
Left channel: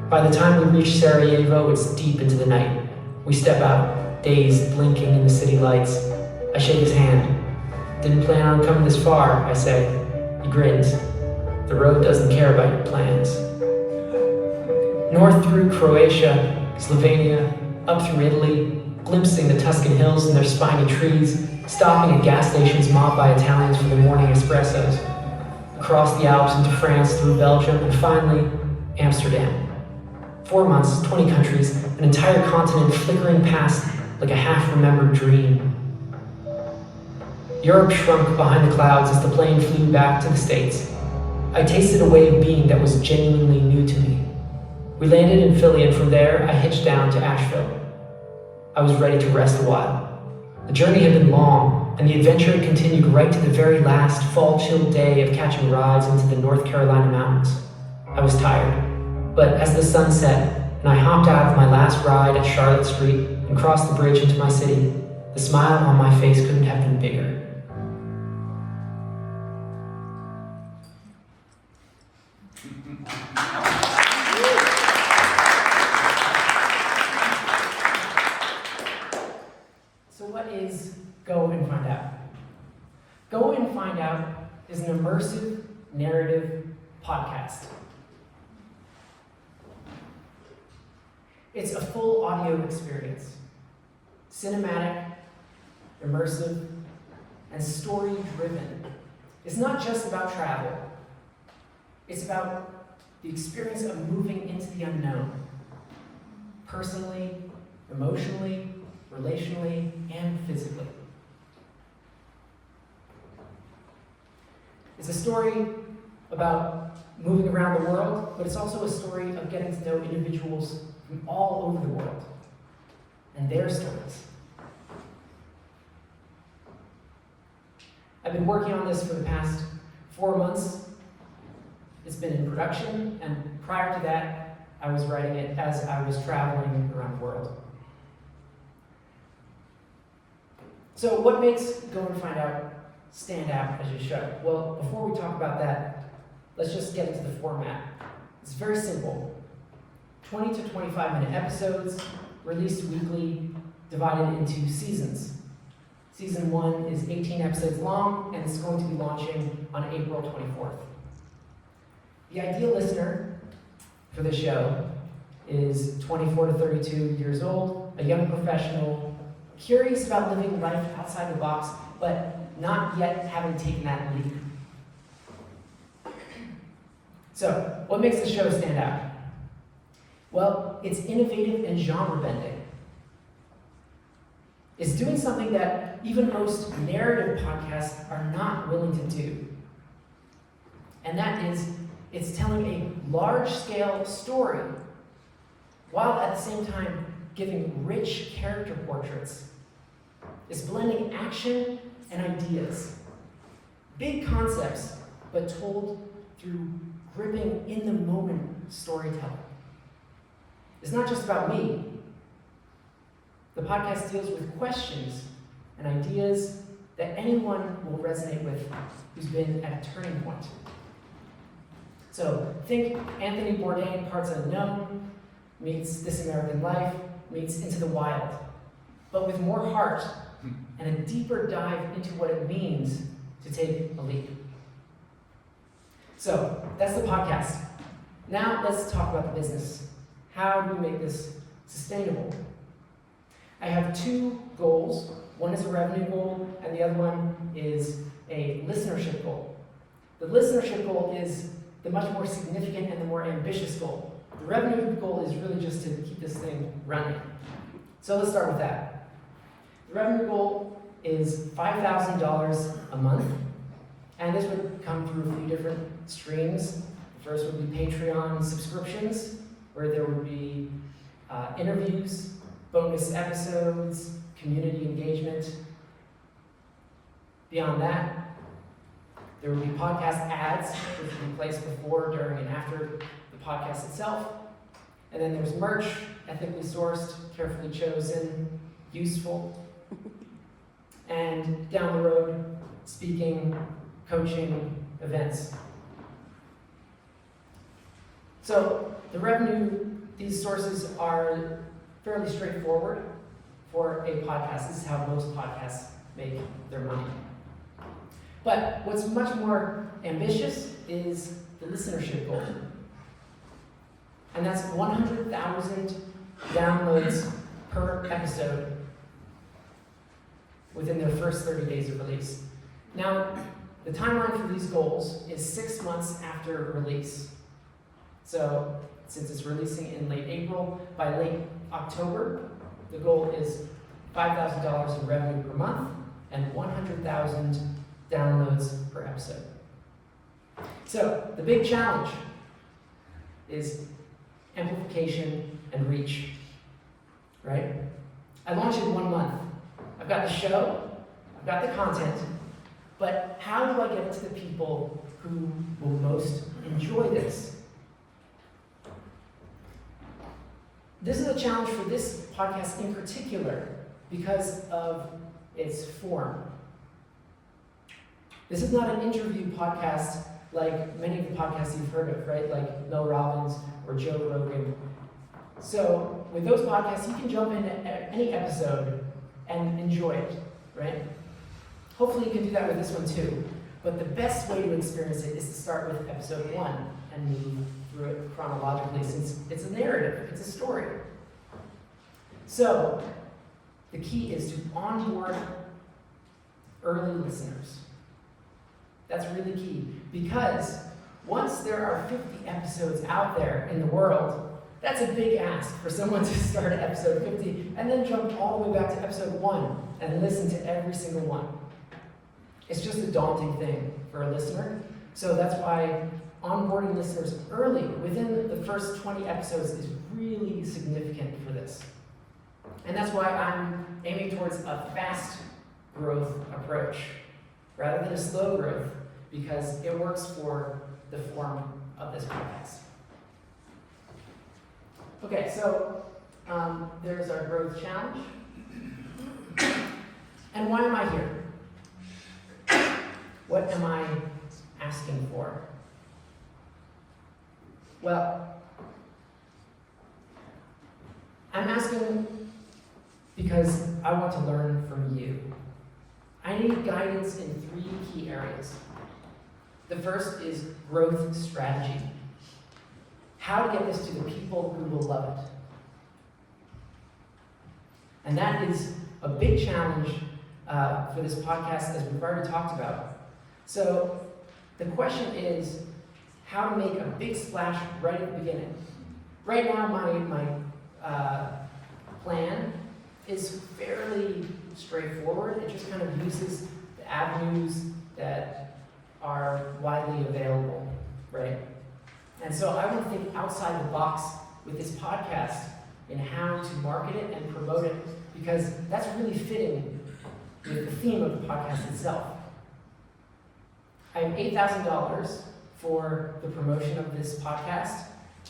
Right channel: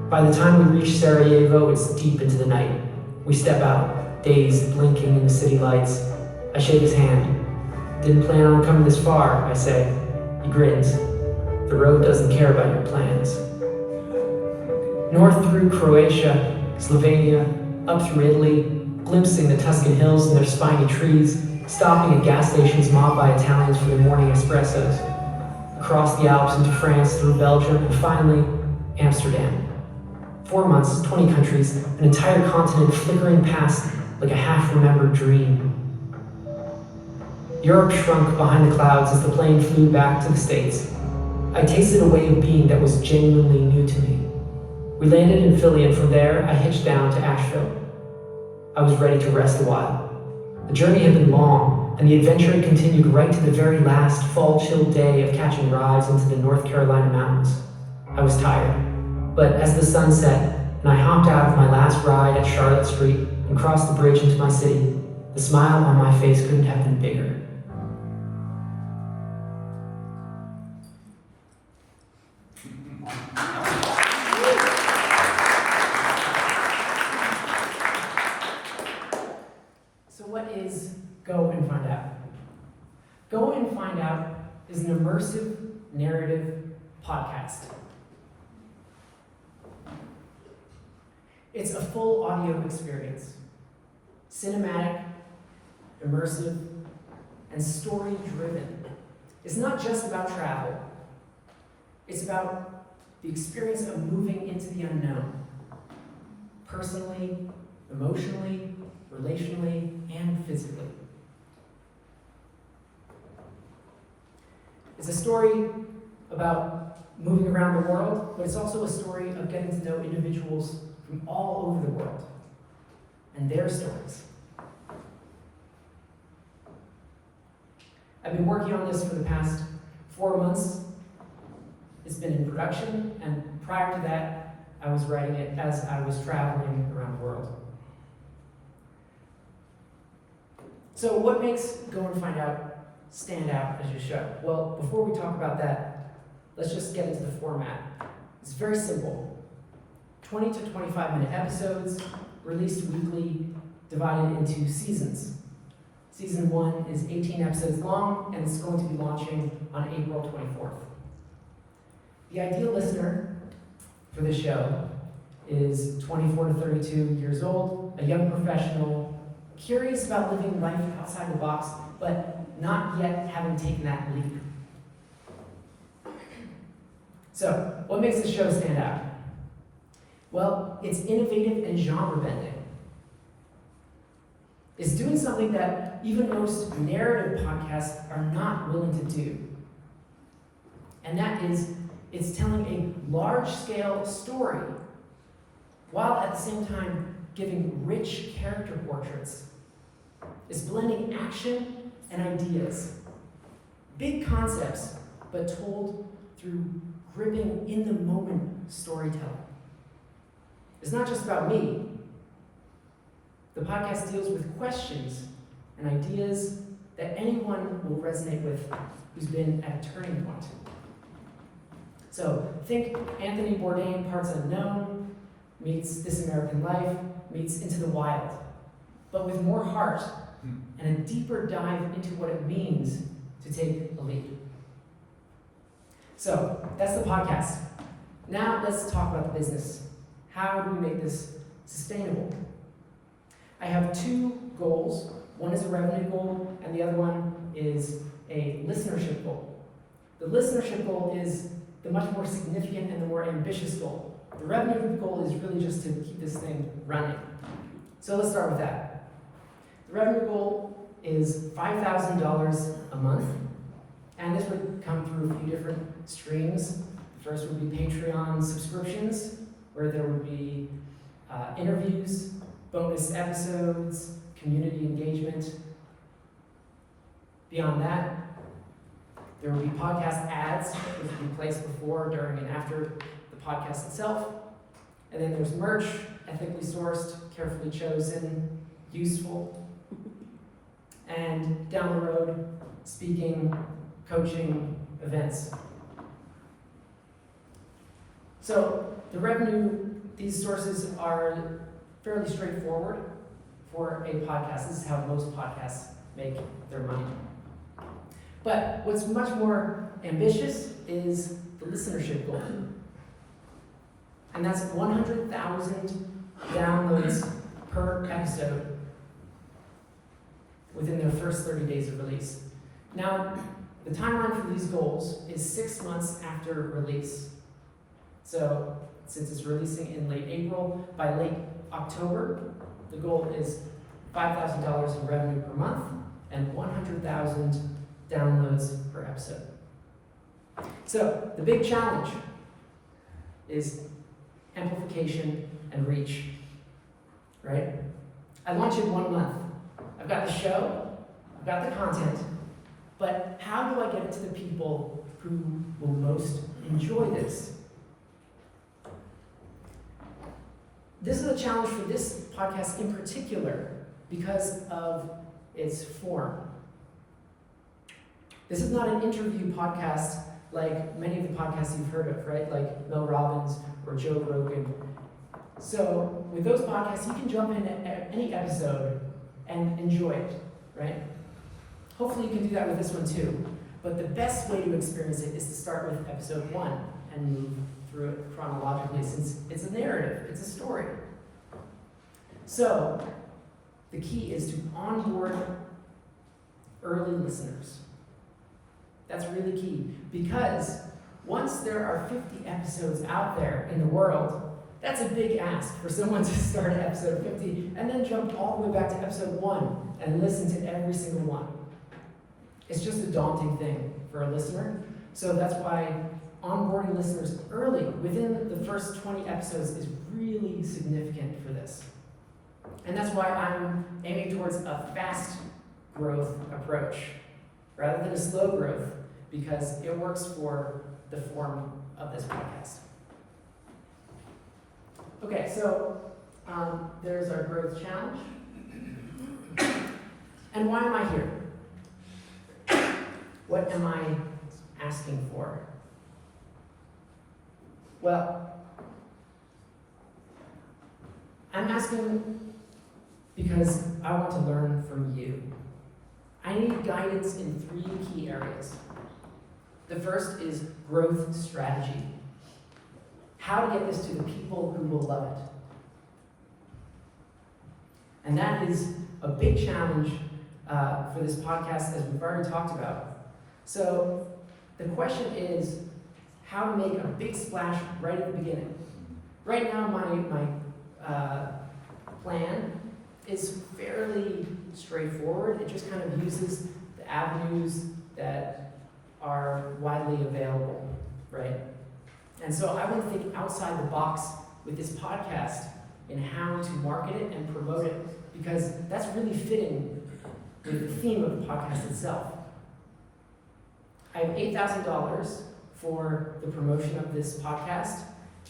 By the time we reach Sarajevo, it's deep into the night. We step out, dazed, blinking in the city lights. I shake his hand. Didn't plan on coming this far, I say. He grins. The road doesn't care about your plans. North through Croatia, Slovenia, up through Italy, glimpsing the Tuscan hills and their spiny trees, stopping at gas stations mobbed by Italians for their morning espressos. Across the Alps into France, through Belgium, and finally, Amsterdam. 4 months, 20 countries, an entire continent flickering past like a half-remembered dream. Europe shrunk behind the clouds as the plane flew back to the States. I tasted a way of being that was genuinely new to me. We landed in Philly, and from there, I hitched down to Asheville. I was ready to rest a while. The journey had been long, and the adventure had continued right to the very last fall-chilled day of catching rides into the North Carolina mountains. I was tired, but as the sun set, and I hopped out of my last ride at Charlotte Street and crossed the bridge into my city, the smile on my face couldn't have been bigger. So what is Go and Find Out? Go and Find Out is an immersive narrative podcast. It's a full audio experience, cinematic, immersive, and story-driven. It's not just about travel. It's about the experience of moving into the unknown, personally, emotionally, relationally, and physically. It's a story about moving around the world, but it's also a story of getting to know individuals from all over the world and their stories. I've been working on this for the past 4 months. It's been in production, and prior to that, I was writing it as I was traveling around the world. So what makes Go and Find Out stand out as a show? Well, before we talk about that, let's just get into the format. It's very simple. 20 to 25-minute episodes, released weekly, divided into seasons. Season 1 is 18 episodes long, and it's going to be launching on April 24th. The ideal listener for this show is 24 to 32 years old, a young professional, curious about living life outside the box, but not yet having taken that leap. So, what makes this show stand out? Well, it's innovative and genre-bending. It's doing something that even most narrative podcasts are not willing to do. And that is, it's telling a large-scale story, while at the same time giving rich character portraits. It's blending action and ideas. Big concepts, but told through gripping, in-the-moment storytelling. It's not just about me. The podcast deals with questions and ideas that anyone will resonate with who's been at a turning point. So think Anthony Bourdain, Parts Unknown, meets This American Life, meets Into the Wild, but with more heart and a deeper dive into what it means to take a leap. So that's the podcast. Now let's talk about the business. How do we make this sustainable? I have 2 goals. One is a revenue goal, and the other one is a listenership goal. The listenership goal is the much more significant and the more ambitious goal. The revenue goal is really just to keep this thing running. So let's start with that. The revenue goal is $5,000 a month, and this would come through a few different streams. The first would be Patreon subscriptions, where there would be interviews, bonus episodes, community engagement. Beyond that, there will be podcast ads, which will be placed before, during, and after the podcast itself. And then there's merch, ethically sourced, carefully chosen, useful. And down the road, speaking, coaching, events. So the revenue, these sources are fairly straightforward for a podcast. This is how most podcasts make their money. But what's much more ambitious is the listenership goal. And that's 100,000 downloads per episode within their first 30 days of release. Now, the timeline for these goals is 6 months after release. So, since it's releasing in late April, by late October, the goal is $5,000 in revenue per month and 100,000 downloads per episode. So, the big challenge is amplification and reach, right? I launched in 1 month. I've got the show, I've got the content, but how do I get it to the people who will most enjoy this? This is a challenge for this podcast in particular because of its form. This is not an interview podcast like many of the podcasts you've heard of, right? Like Mel Robbins or Joe Rogan. So with those podcasts, you can jump in at any episode and enjoy it, right? Hopefully you can do that with this one too. But the best way to experience it is to start with episode 1 and move through it chronologically, since it's a narrative, it's a story. So, the key is to onboard early listeners. That's really key, because once there are 50 episodes out there in the world, that's a big ask for someone to start at episode 50 and then jump all the way back to episode 1 and listen to every single one. It's just a daunting thing for a listener. So that's why onboarding listeners early, within the first 20 episodes, is really significant for this. And that's why I'm aiming towards a fast growth approach rather than a slow growth, because it works for the form of this podcast. Okay, so there's our growth challenge. And why am I here? What am I asking for? Well, I'm asking because I want to learn from you. I need guidance in 3 key areas. The first is growth strategy. How to get this to the people who will love it. And that is a big challenge for this podcast, as we've already talked about. So the question is how to make a big splash right at the beginning. Right now, my plan is fairly straightforward. It just kind of uses the avenues that are widely available, right? And so I want to think outside the box with this podcast in how to market it and promote it, because that's really fitting with the theme of the podcast itself. I have $8,000 for the promotion of this podcast,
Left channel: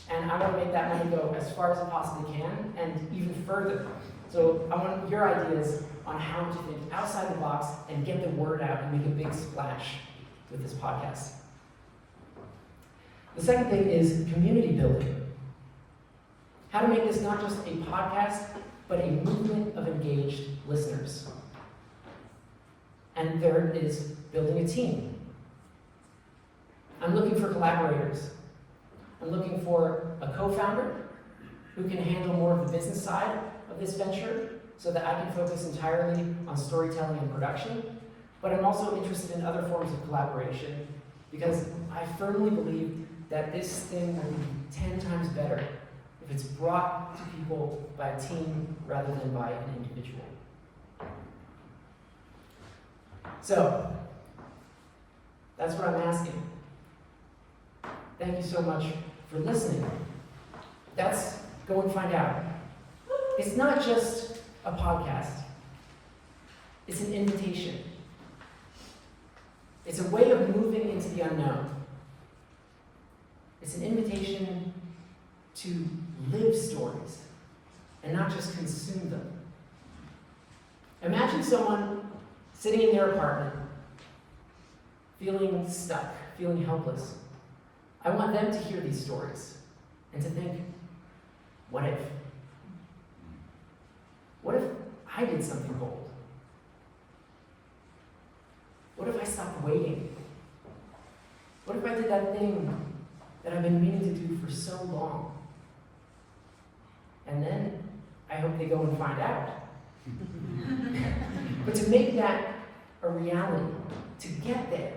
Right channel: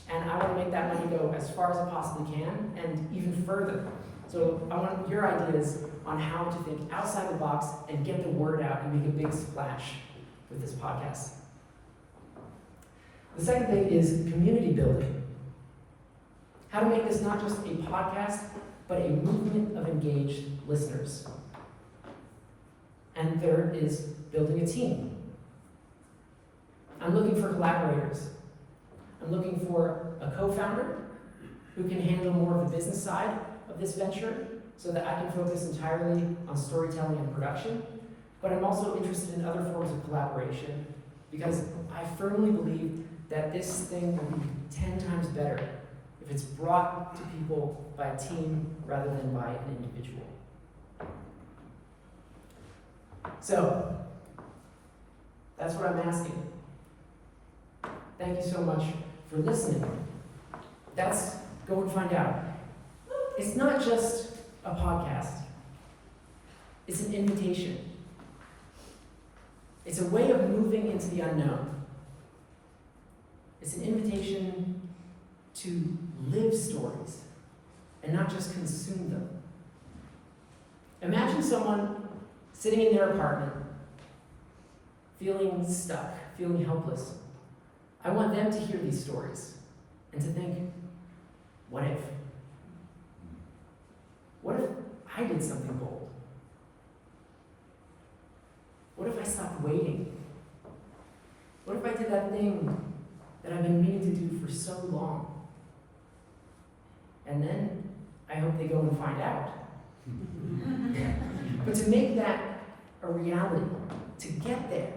and I want to make that money go as far as I possibly can and even further. So I want your ideas on how to think outside the box and get the word out and make a big splash with this podcast. The second thing is community building. How to make this not just a podcast, but a movement of engaged listeners. And third is building a team. I'm looking for collaborators. I'm looking for a co-founder who can handle more of the business side of this venture so that I can focus entirely on storytelling and production. But I'm also interested in other forms of collaboration because I firmly believe that this thing will be 10 times better if it's brought to people by a team rather than by an individual. So, that's what I'm asking. Thank you so much for listening. That's go and find out. It's not just a podcast. It's an invitation. It's a way of moving into the unknown. It's an invitation to live stories and not just consume them. Imagine someone sitting in their apartment, feeling stuck, feeling helpless. I want them to hear these stories and to think, what if? What if I did something bold? What if I stopped waiting? What if I did that thing that I've been meaning to do for so long? And then I hope they go and find out. But to make that a reality, to get there,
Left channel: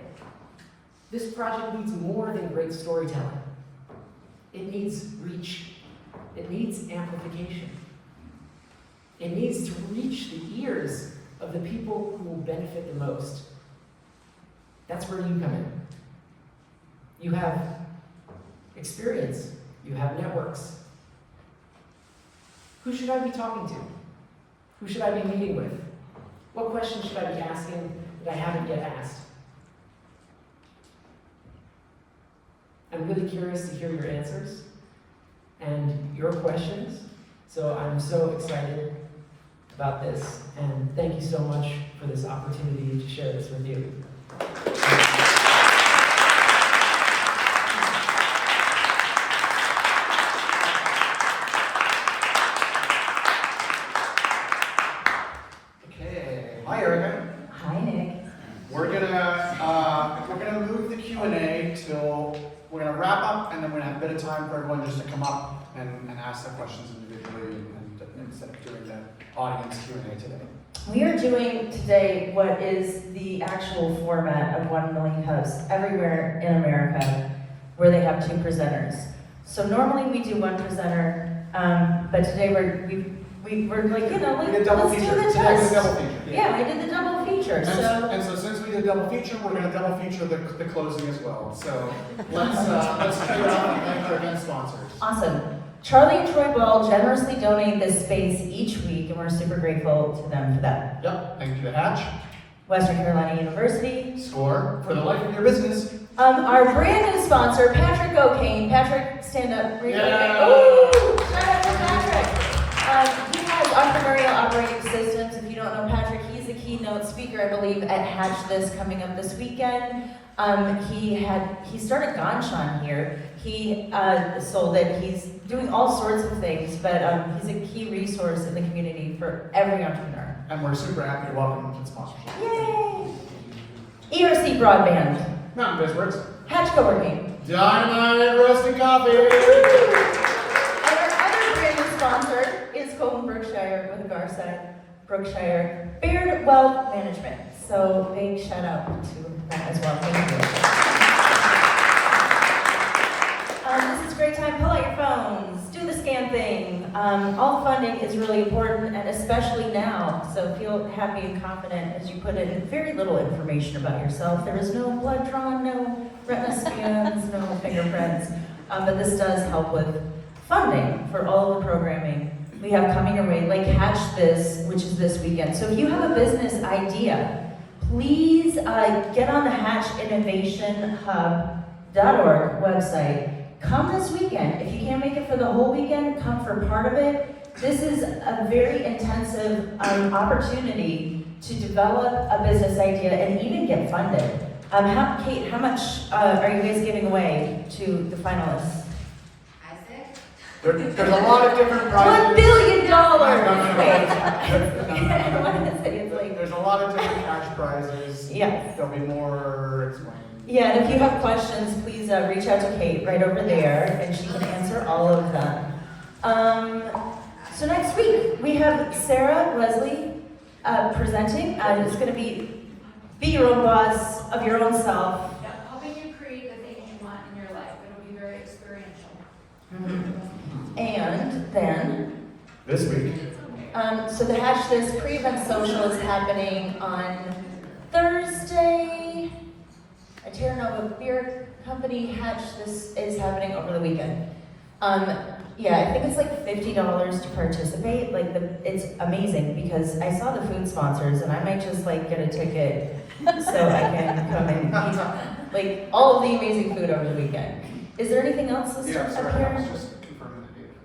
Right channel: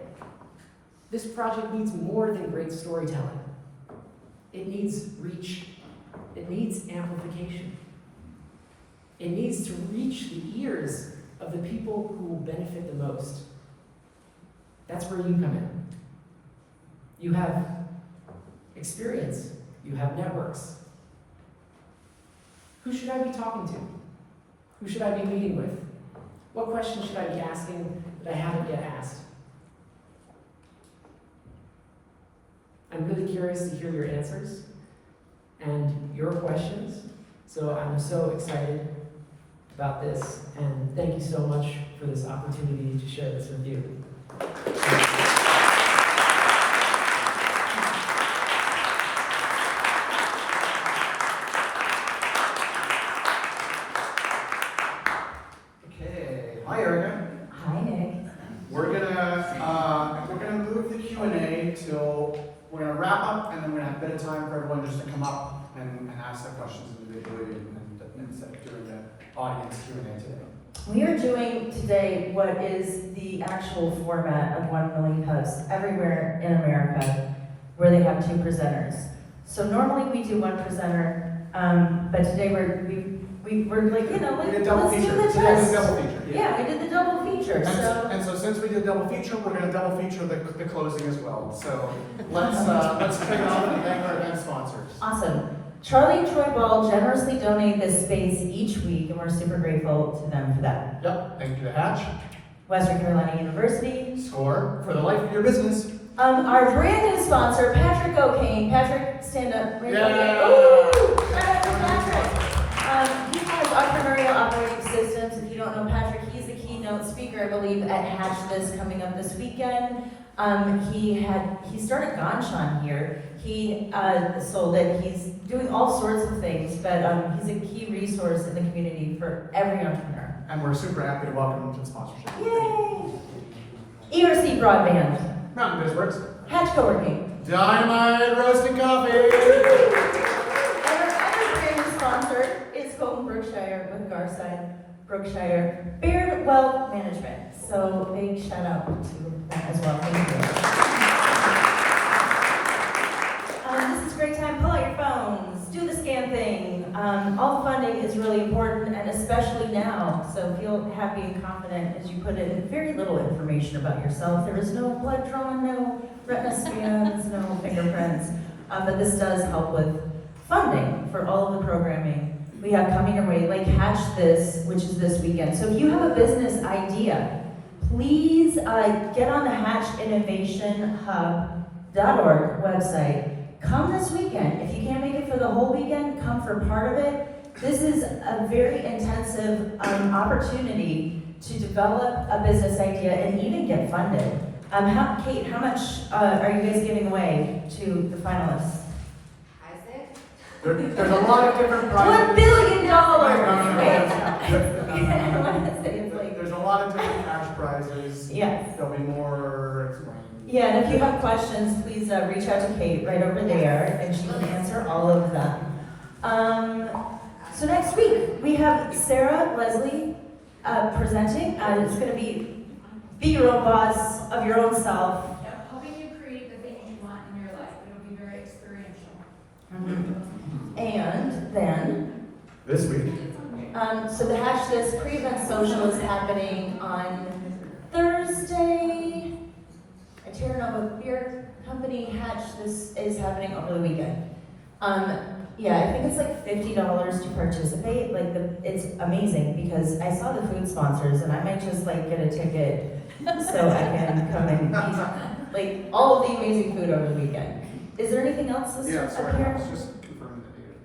this project needs more than great storytelling. It needs reach. It needs amplification. It needs to reach the ears of the people who will benefit the most. That's where you come in. You have experience. You have networks. Who should I be talking to? Who should I be meeting with? What questions should I be asking that I haven't yet asked? I'm really curious to hear your answers and your questions. So I'm so excited about this, and thank you so much for this opportunity to share this with you. Okay. Hi, Erica. Hi, Nick. We're gonna move the Q&A till we're gonna wrap up, and then we're gonna have a bit of time for everyone just to come up and ask their questions individually instead of doing the audience Q&A today. We are doing today what is the actual format of 1 Million Hubs everywhere in America where they have 2 presenters. So normally we do 1 presenter, but today we're like, you know, We like, did double let's do feature. the Today was test. double feature. Yeah, I did the double feature, so. And so since we did double feature, we're gonna double feature the closing as well. So let's kick it off and thank our event sponsors. Awesome. Charlie and Troy Ball generously donate this space each week, and we're super grateful to them for that. Yep, thank you to Hatch. Western Carolina University. Score for the life of your business. Our brand new sponsor, Patrick O'Kane. Patrick, stand up. Yeah. Ooh, shout out to Patrick. He has entrepreneurial operating systems. If you don't know Patrick, he's the keynote speaker, I believe, at Hatch This coming up this weekend. He started Ganshan here. He sold it. He's doing all sorts of things, but he's a key resource in the community for every entrepreneur. And we're super happy to welcome them to the sponsorship. Yay! ERC Broadband, Mountain Bizworks. Hatch Coworking, Dynamite Roasting Co. and our other brand new sponsor is Colton Brookshire with Garside Brookshire Beard Wealth Management. So big shout out to that as well. Thank you. This is a great time. Pull out your phones. Do the scan thing. All the funding is really important, and especially now. So feel happy and confident as you put in very little information about yourself. There is no blood drawn, no retina scans, no fingerprints. But this does help with funding for all the programming we have coming your way, like Hatch This, which is this weekend. So if you have a business idea, please get on the hatchinnovationhub.org website. Come this weekend. If you can't make it for the whole weekend, come for part of it. This is a very intensive opportunity to develop a business idea and even get funded. Kate, how much are you guys giving away to the finalists? There's a lot of different prizes. $1 billion! There's a lot of different cash prizes. Yes. There'll be more explained. Yeah, and if you have questions, please reach out to Kate right over there, and she can answer all of them. So next week, we have Sarah Leslie presenting. It's going to be your own boss of your own self. Yeah, helping you create the things you want in your life. It'll be very experiential. And then, This week. so the Hatch This pre-event social is happening on Thursday. A Terra Nova Beer Company Hatch This is happening over the weekend. Yeah, I think it's like $50 to participate. Like it's amazing because I saw the food sponsors and I might just like get a ticket so I can come and eat like all of the amazing food over the weekend. Is there anything else up here? I was just confirming the date.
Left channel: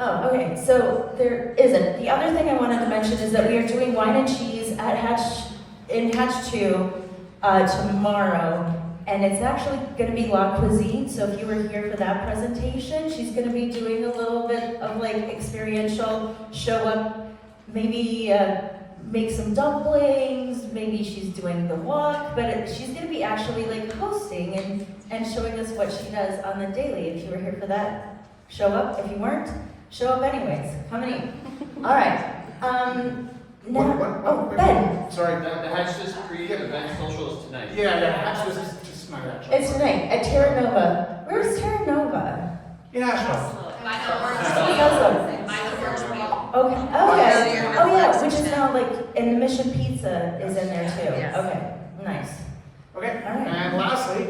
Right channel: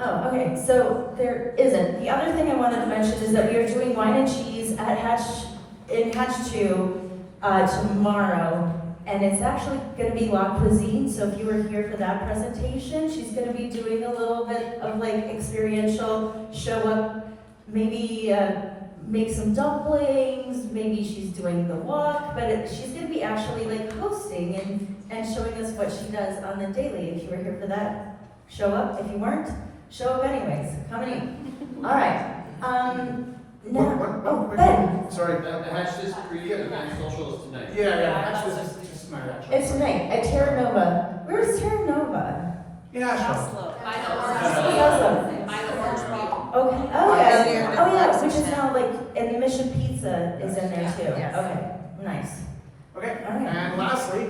Oh, okay, so there isn't. The other thing I wanted to mention is that we are doing wine and cheese at Hatch 2 tomorrow, and it's actually going to be La Cuisine, so if you were here for that presentation, she's going to be doing a little bit of like experiential show up, maybe make some dumplings, maybe she's doing the walk, but she's going to be actually like hosting and showing us what she does on the daily. If you were here for that, show up. If you weren't, show up anyways. Come and eat. All right. Ben. Sorry. The Hatch This pre-event social is tonight. Yeah, Hatch This is just my Hatch. It's tonight at Terra Nova. Where's Terra Nova? In Asheville. By the orange people. Okay. Oh yeah. Which is now like, and the Mission Pizza is in there too. Yes. Okay. Nice. Okay. All right. And lastly,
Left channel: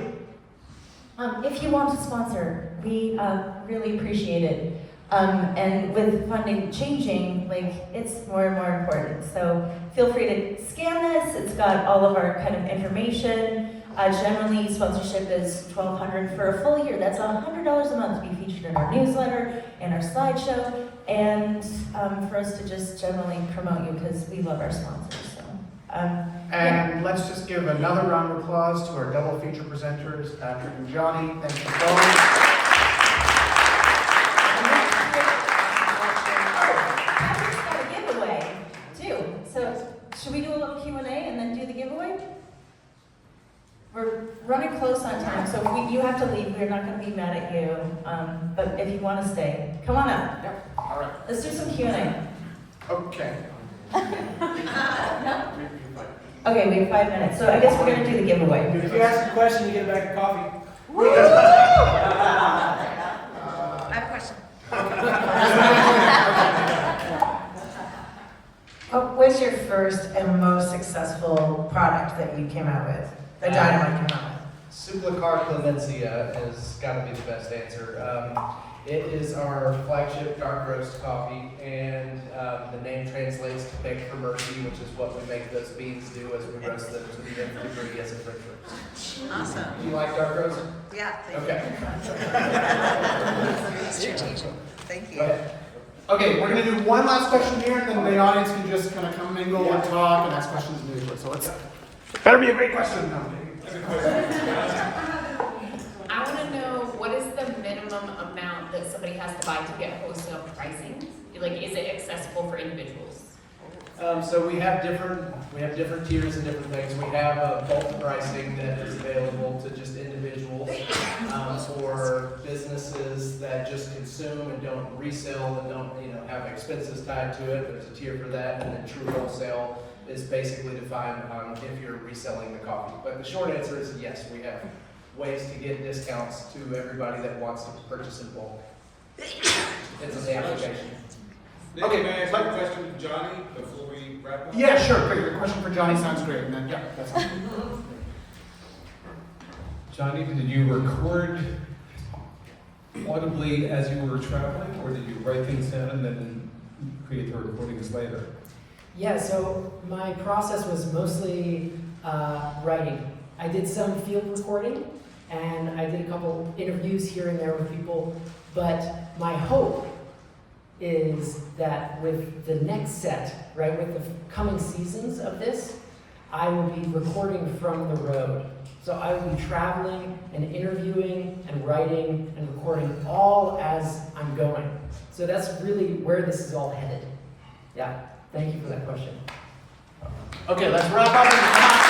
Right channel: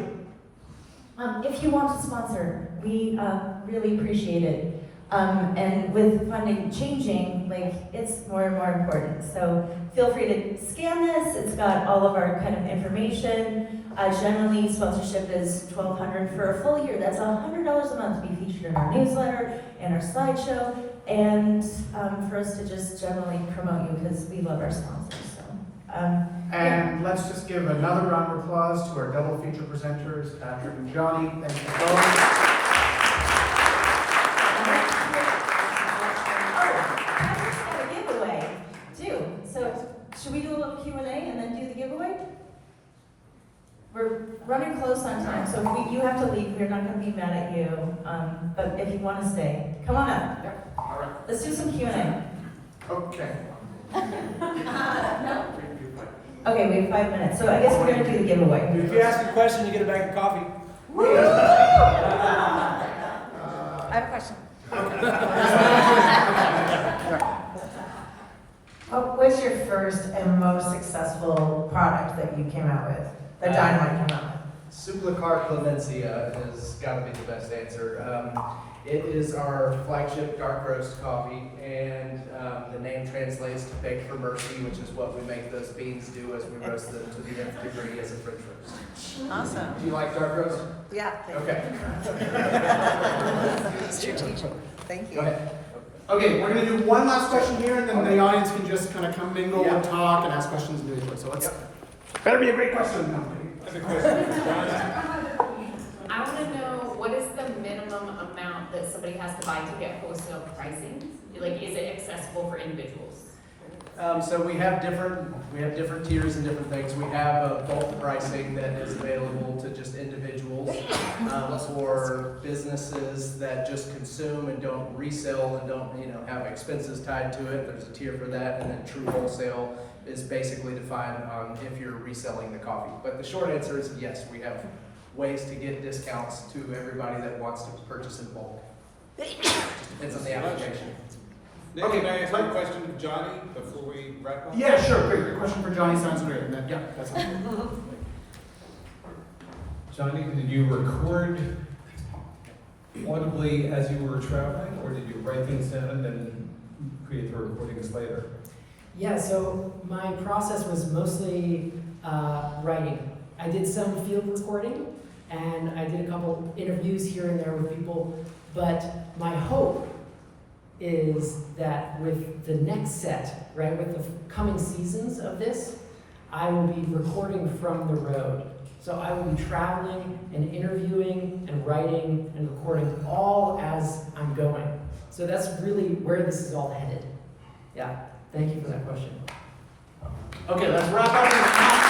If you want to sponsor, we really appreciate it. And with funding changing, like it's more and more important. So feel free to scan this. It's got all of our kind of information. Generally, sponsorship is $1,200 for a full year. That's $100 a month to be featured in our newsletter and our slideshow, and for us to just generally promote you because we love our sponsors. So, and let's just give another round of applause to our double feature presenters, Patrick and Johnny. Thank you for coming. Patrick's got a giveaway too. So should we do a little Q&A and then do the giveaway? We're running close on time, so if you have to leave. We're not going to be mad at you. But if you want to stay, come on up. All right. Let's do some Q&A. Okay. Okay, we have 5 minutes, so I guess we're gonna do the giveaway. If you ask a question, you get a bag of coffee. I have a question. What was your first and most successful product that you came out with? That Dynamite came out with? Suplicar Clemencia has got to be the best answer. It is our flagship dark roast coffee, and the name translates to beg for mercy, which is what we make those beans do as we roast them to the nth degree as a French roast. Awesome. Do you like dark roast? Yeah. Okay. Strategic. Thank you. Go ahead. Okay, we're gonna do one last question here, and then the audience can just kind of come mingle and talk and ask questions individually. So let's, better be a great question. No, I'm kidding. I want to know, what is the minimum amount that somebody has to buy to get wholesale pricing? Like, is it accessible for individuals? So we have different tiers and different things. We have bulk pricing that is available to just individuals, or businesses that just consume and don't resell and don't have expenses tied to it. There's a tier for that, and then true wholesale is basically defined on if you're reselling the coffee. But the short answer is yes, we have ways to get discounts to everybody that wants to purchase in bulk. It's in the application. Nick, can I ask you a question to Johnny before we wrap up? Yeah, sure. Great. Your question for Johnny sounds great. And then, yeah, that sounds good. Johnny, did you record audibly as you were traveling, or did you write things down and then create the recordings later? Yeah, so my process was mostly writing. I did some field recording, and I did a couple interviews here and there with people, but my hope is that with the next set, right, with the coming seasons of this, I will be recording from the road. So I will be traveling and interviewing and writing and recording all as I'm going. So that's really where this is all headed. Yeah, thank you for that question. Okay, let's wrap up.